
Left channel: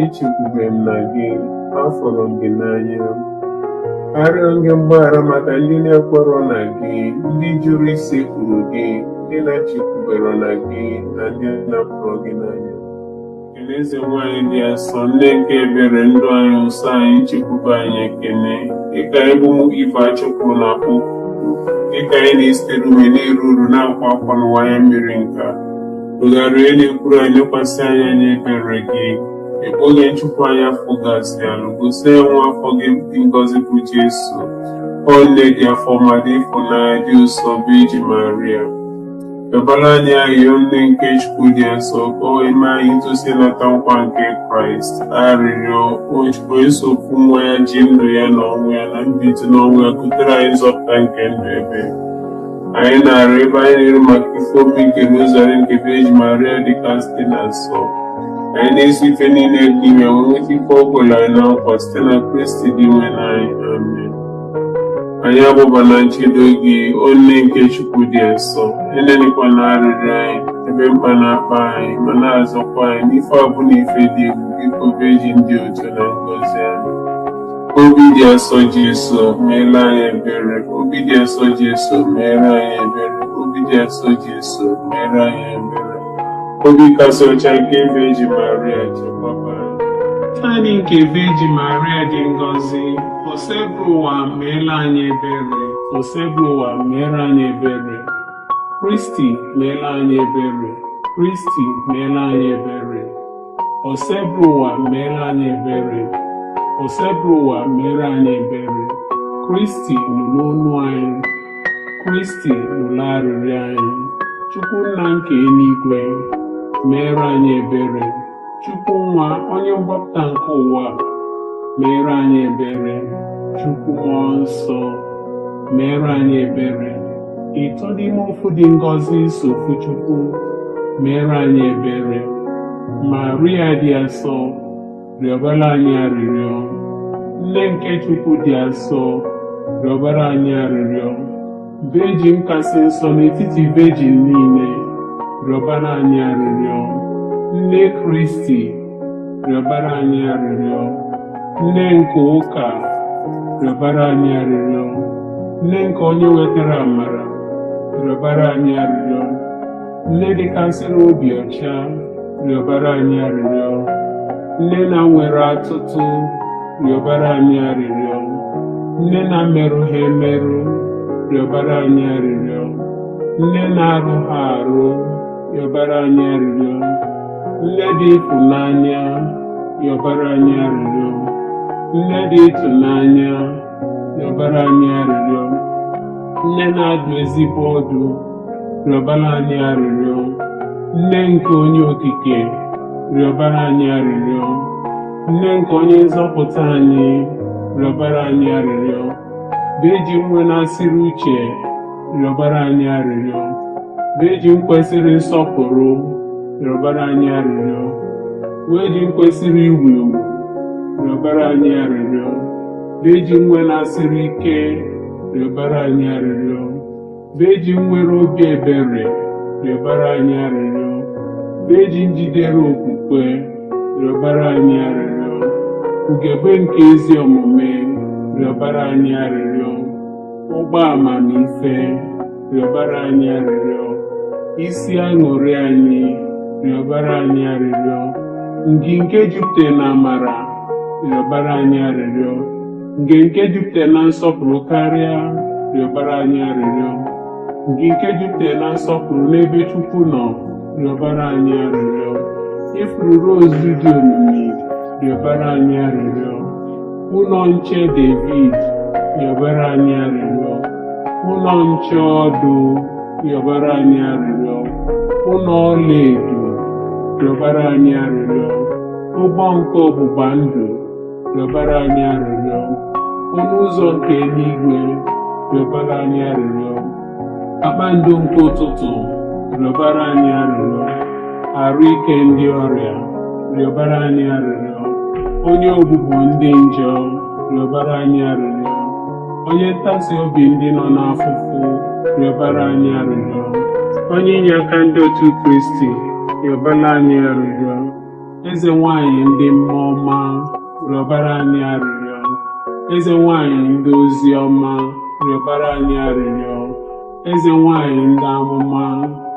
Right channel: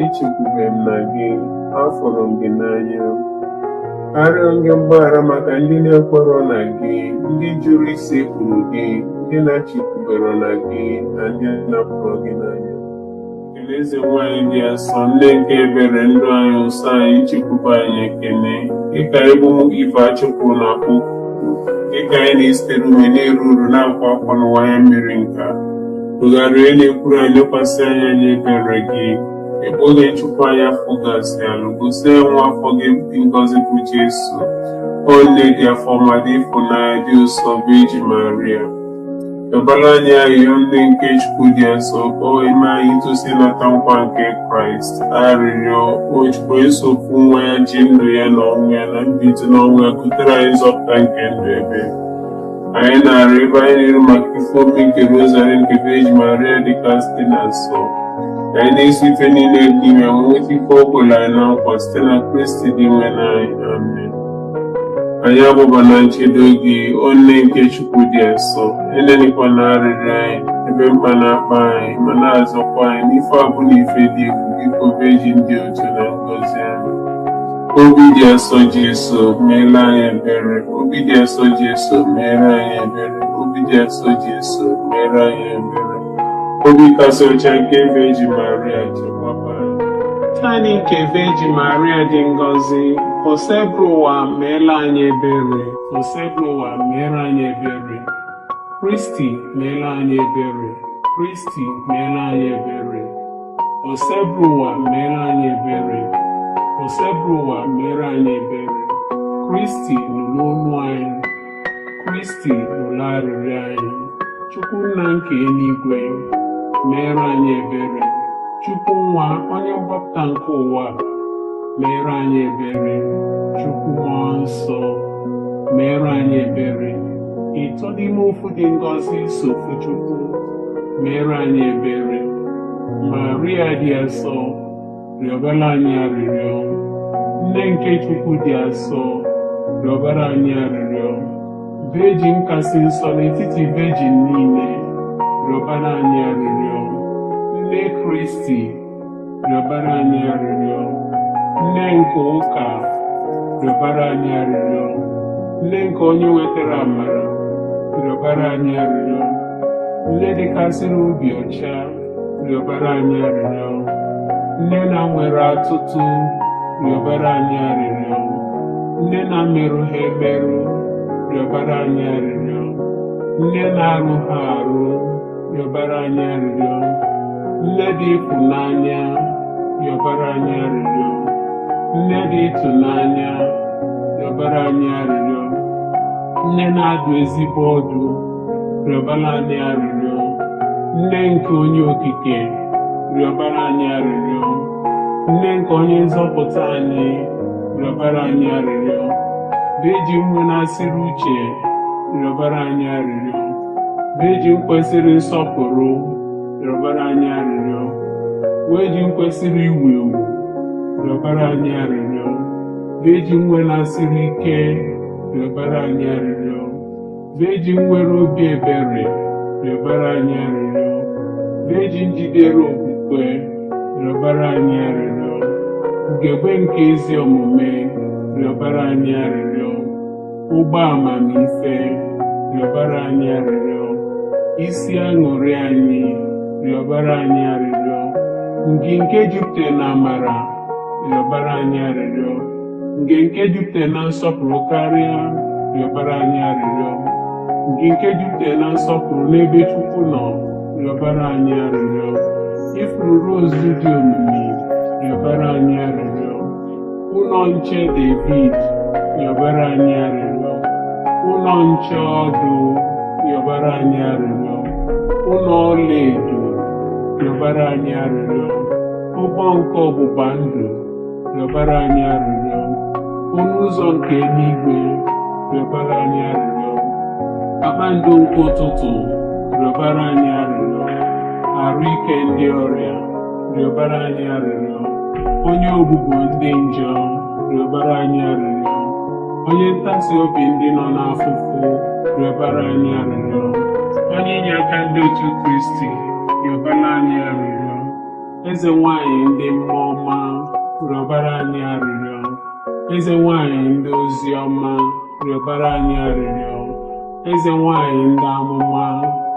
echekwube m na gị, afọrọ m gị n'anya. Arịọ gị mgbaghara maka ndị na-ekwerọ na gị, ndị jụrụ isekpuru gị, ndị na-echekwubere na gị, na ndị napụrụ gị n'anya. Eze nwanyị dị asọ, nne nke ebere ndụ anyị, nsọ anyị, chekwube anyị ekele. Dịka ịbụ ife Chukwu na-akpọ, dịka anyị na-esitere ume na-eru uru na-akwa akwa n'ụwa ya mmiri nka, tụgharịa na-ekwuru anyị, lekwasị anya n'ebere gị. Ebe onye nchụpụ anya fụgasị alụ, gosi ya nwa afọ gị dị ngọzi bụ Jesu. Ọ nne dị afọ ma dị ịfụnanya dị ụsọ bụ Eji Maria. Rịọbara anyị arịrịọ nne nke Chukwu dị nsọ, ka o eme anyị itosi nata nkwa nke Kraịst. Arịrịọ o esokwu nwa ya ji ndụ ya na ọnwụ ya na mbilite n'ọnwụ ya kutere anyị nzọpụta nke ndụ ebe. Anyị na-arịọ ebe anyị nyere maka ife omi nke Rọzari nke Eji Maria dịka site na nsọ. Anyị na-esi ife niile dị ime nweta ife ọ kwere anyị na nkwa site na Kristi dị nwe n'anyị. Amen. Anyị abụba na nchedo gị, o nne nke Chukwu dị nsọ, enenekwa na arịrịọ anyị ebe mkpa na-akpa anyị, ma na-azọkwa anyị n'ife abụ na ife dị egwu. Biko beji ndị otu na ngọzi anyị. Obi dị asọ Jesu, meere anyị ebere. Obi dị asọ Jesu, meere anyị ebere. Obi dị asọ Jesu, meere anyị ebere. Obi kasị ọcha nke ebe Eji Maria, chekwaba anyị. Naanị nke Veji Maria dị ngọzi, osebụrụ ụwa meela anyị ebere, osebụrụ ụwa meere anyị ebere. Kristi meela anyị ebere, Kristi meela anyị ebere. Osebụrụ ụwa meela anyị ebere, osebụrụ ụwa meere anyị ebere. Kristi nụrụ olu anyị, Kristi nụrụ arịrịọ anyị. Chukwu nna nke eluigwe, meere anyị ebere. Chukwu nwa onye mgbapụta nke ụwa, meere anyị ebere. Chukwu mmụọ nsọ, meere anyị ebere. Ịtọ n'ime ofu dị ngọzi sofu Chukwu, meere anyị ebere. Maria dị asọ, rịọbara anyị arịrịọ. Nne nke Chukwu dị asọ, rịọbara anyị arịrịọ. Vejin kasị nsọ n'etiti vejin niile, rịọbara anyị arịrịọ. Nne Kristi, rịọbara anyị arịrịọ. Nne nke ụka, rịọbara anyị arịrịọ. Nne nke onye wetara amara, rịọbara anyị arịrịọ. Nne dịkasịrị obi ọcha, rịọbara anyị arịrịọ. Nne na nwere atụtụ, rịọbara anyị arịrịọ. Nne na merụ ha emerụ, rịọbara anyị arịrịọ. Nne na-arụ ha arụ, rịọbara anyị arịrịọ. Nne dị ịfụnanya, rịọbara anyị arịrịọ. Nne dị ịtụnanya, rịọbara anyị arịrịọ. Nne na-adụ ezigbo ọdụ, rịọbara anyị arịrịọ. Nne nke onye okike, rịọbara anyị arịrịọ. Nne nke onye nzọpụta anyị, rịọbara anyị arịrịọ. Veji nwe na-asịrị uche, rịọbara anyị arịrịọ. Veji kwesịrị nsọpụrụ, rịọbara anyị arịrịọ. Veji kwesịrị iwu ewu, rịọbara anyị arịrịọ. Veji nwe na-asịrị ike, rịọbara anyị arịrịọ. Veji nwere obi ebere, rịọbara anyị arịrịọ. Veji njidere okwukwe, rịọbara anyị arịrịọ. Ugegbe nke ezi omume, rịọbara anyị arịrịọ. Ụgbọ amamife, rịọbara anyị arịrịọ. Isi aṅụrị anyị, rịọbara anyị arịrịọ. Ngịnke jupụtara na amara, rịọbara anyị arịrịọ. Ngịnke jupụtara na nsọpụrụ karịa, rịọbara anyị arịrịọ. Ngịnke jupụtara na nsọpụrụ n'ebe Chukwu nọ, rịọbara anyị arịrịọ. Ifuru rose dị omimi, rịọbara anyị arịrịọ. Ụlọ nche David, rịọbara anyị arịrịọ. Ụlọ nche ọdụ, rịọbara anyị arịrịọ. Ụlọ ọlaedo, rịọbara anyị arịrịọ. Ụgbọ nke ọgbụgba ndụ, rịọbara anyị arịrịọ. Ọnụ ụzọ nke eluigwe, rịọbara anyị arịrịọ. Kpakpando nke ụtụtụ, rịọbara anyị arịrịọ. Arụ ike ndị ọrịa, rịọbara anyị arịrịọ. Onye ogbugbo ndị njọ, rịọbara anyị arịrịọ. Onye ntasi obi ndị nọ n'afụfụ, rịọbara anyị arịrịọ. Onye inye aka ndị otu Kristi, rịọbara anyị arịrịọ. Eze nwanyị ndị mmụọ ọma, rịọbara anyị arịrịọ. Eze nwanyị ndị ozi ọma, rịọbara anyị arịrịọ. Eze nwanyị ndị amụma,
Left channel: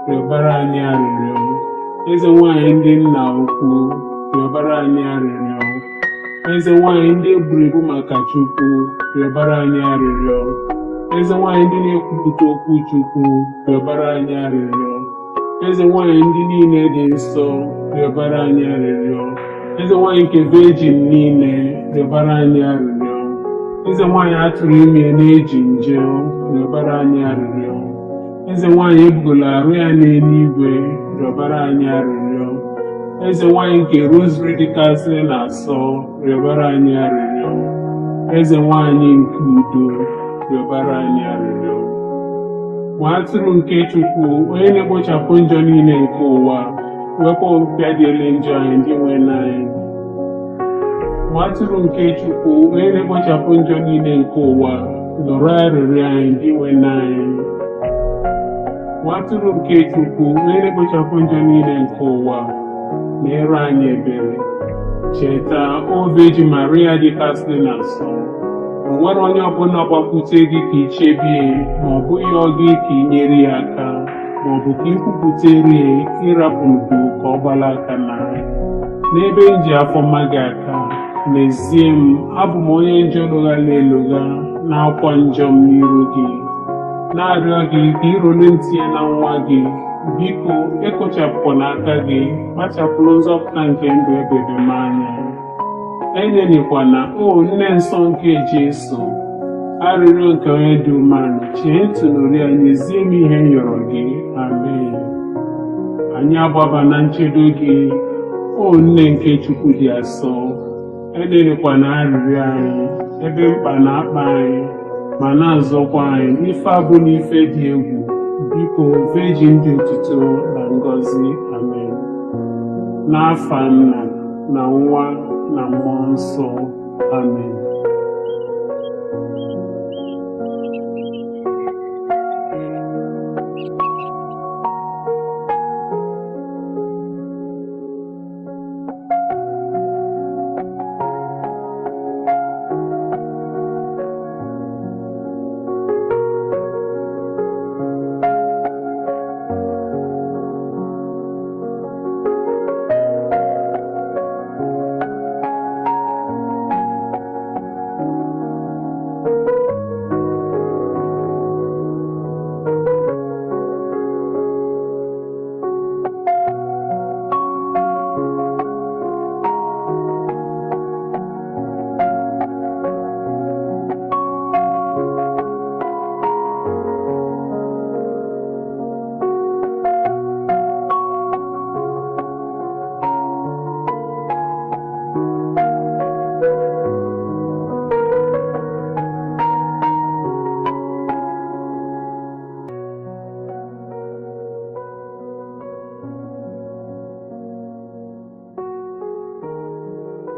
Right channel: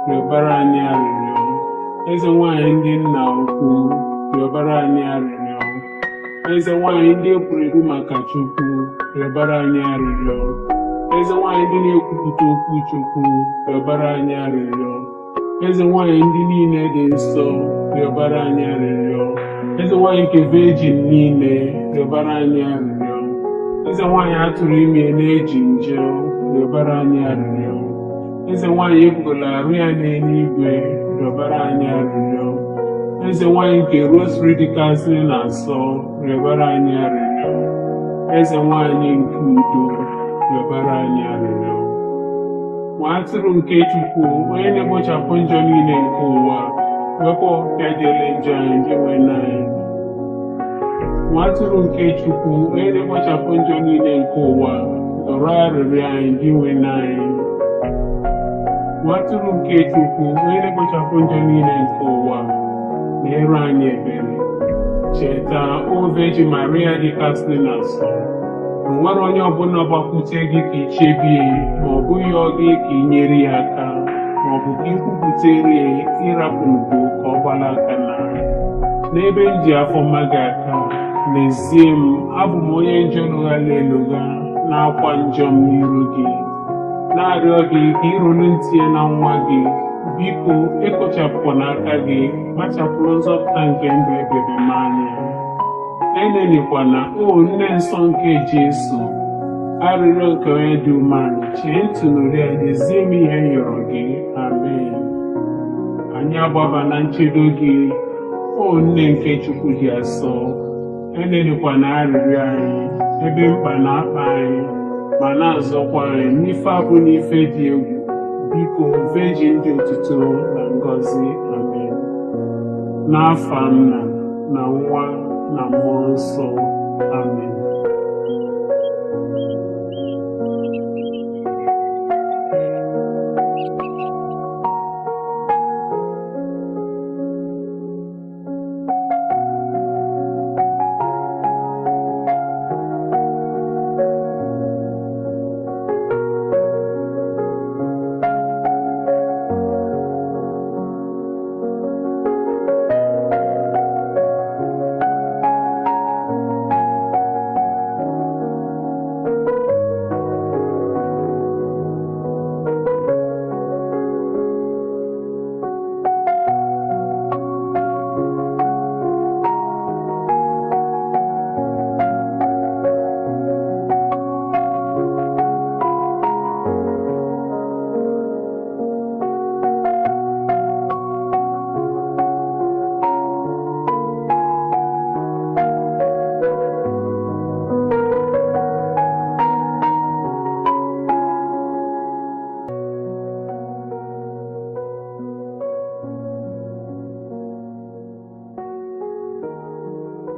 rịọbara anyị arịrịọ. Eze nwanyị ndị nna ukwu, rịọbara anyị arịrịọ. Eze nwanyị ndị eburu ibu maka Chukwu, rịọbara anyị arịrịọ. Eze nwanyị ndị na-ekwupụta okwu Chukwu, rịọbara anyị arịrịọ. Eze nwanyị ndị niile dị nsọ, rịọbara anyị arịrịọ. Eze nwanyị nke vejin niile, rịọbara anyị arịrịọ. Eze nwanyị atụrụ ime na-eji nje, rịọbara anyị arịrịọ. Eze nwanyị ebugola arụ ya n'eluigwe, rịọbara anyị arịrịọ. Eze nwanyị nke Rọzari dịkasịrị na-asọ, rịọbara anyị arịrịọ. Eze nwanyị nke udo, rịọbara anyị arịrịọ. Nwa atụrụ nke Chukwu, onye na-egbochapụ njọ niile nke ụwa, wekwa ọpịa dị ele njọ anyị ndị nwe n'anyị. Nwa atụrụ nke Chukwu, onye na-egbochapụ njọ niile nke ụwa, nụrụ arịrịọ anyị ndị nwe n'anyị. Nwa atụrụ nke Chukwu, onye na-egbochapụ njọ niile nke ụwa, meere anyị ebere. Cheta, o Veji Maria dịkasịrị na nsọ, o nwere onye ọbụla gbakwute gị ka ichebie, ma ọ bụghị ọ gị ka i nyere ya aka, ma ọ bụ ka ikwupụtere ịrapụ mpụ ka ọ gbala aka na. n'ebe m ji afọ mma gị aka, n'ezie m abụ m onye njọ lụghara elugha na-akwa njọ m n'iru gị, na-arịọ gị ka ịrụrụ ntị na nwa gị. Biko ekpochapụkwana aka gị, kpachapụrụ nzọpụta nke ndụ ekpere m anya. Enelikwana o nne nsọ nke Jesu, arịrịọ nke onye dị umeala, chee tụnụrụ ya, nyezie m ihe m rịọrọ gị. Amen. Anyị agbaba na nchedo gị, o nne nke Chukwu dị asọ. Enelikwana arịrịọ anyị ebe mkpa na-akpa anyị, ma na-azọkwa anyị n'ife abụ n'ife dị egwu. Biko Virgin dị otuto na ngọzi. Amen. N'afa Nna na Nwa na Mmụọ Nsọ. Amen.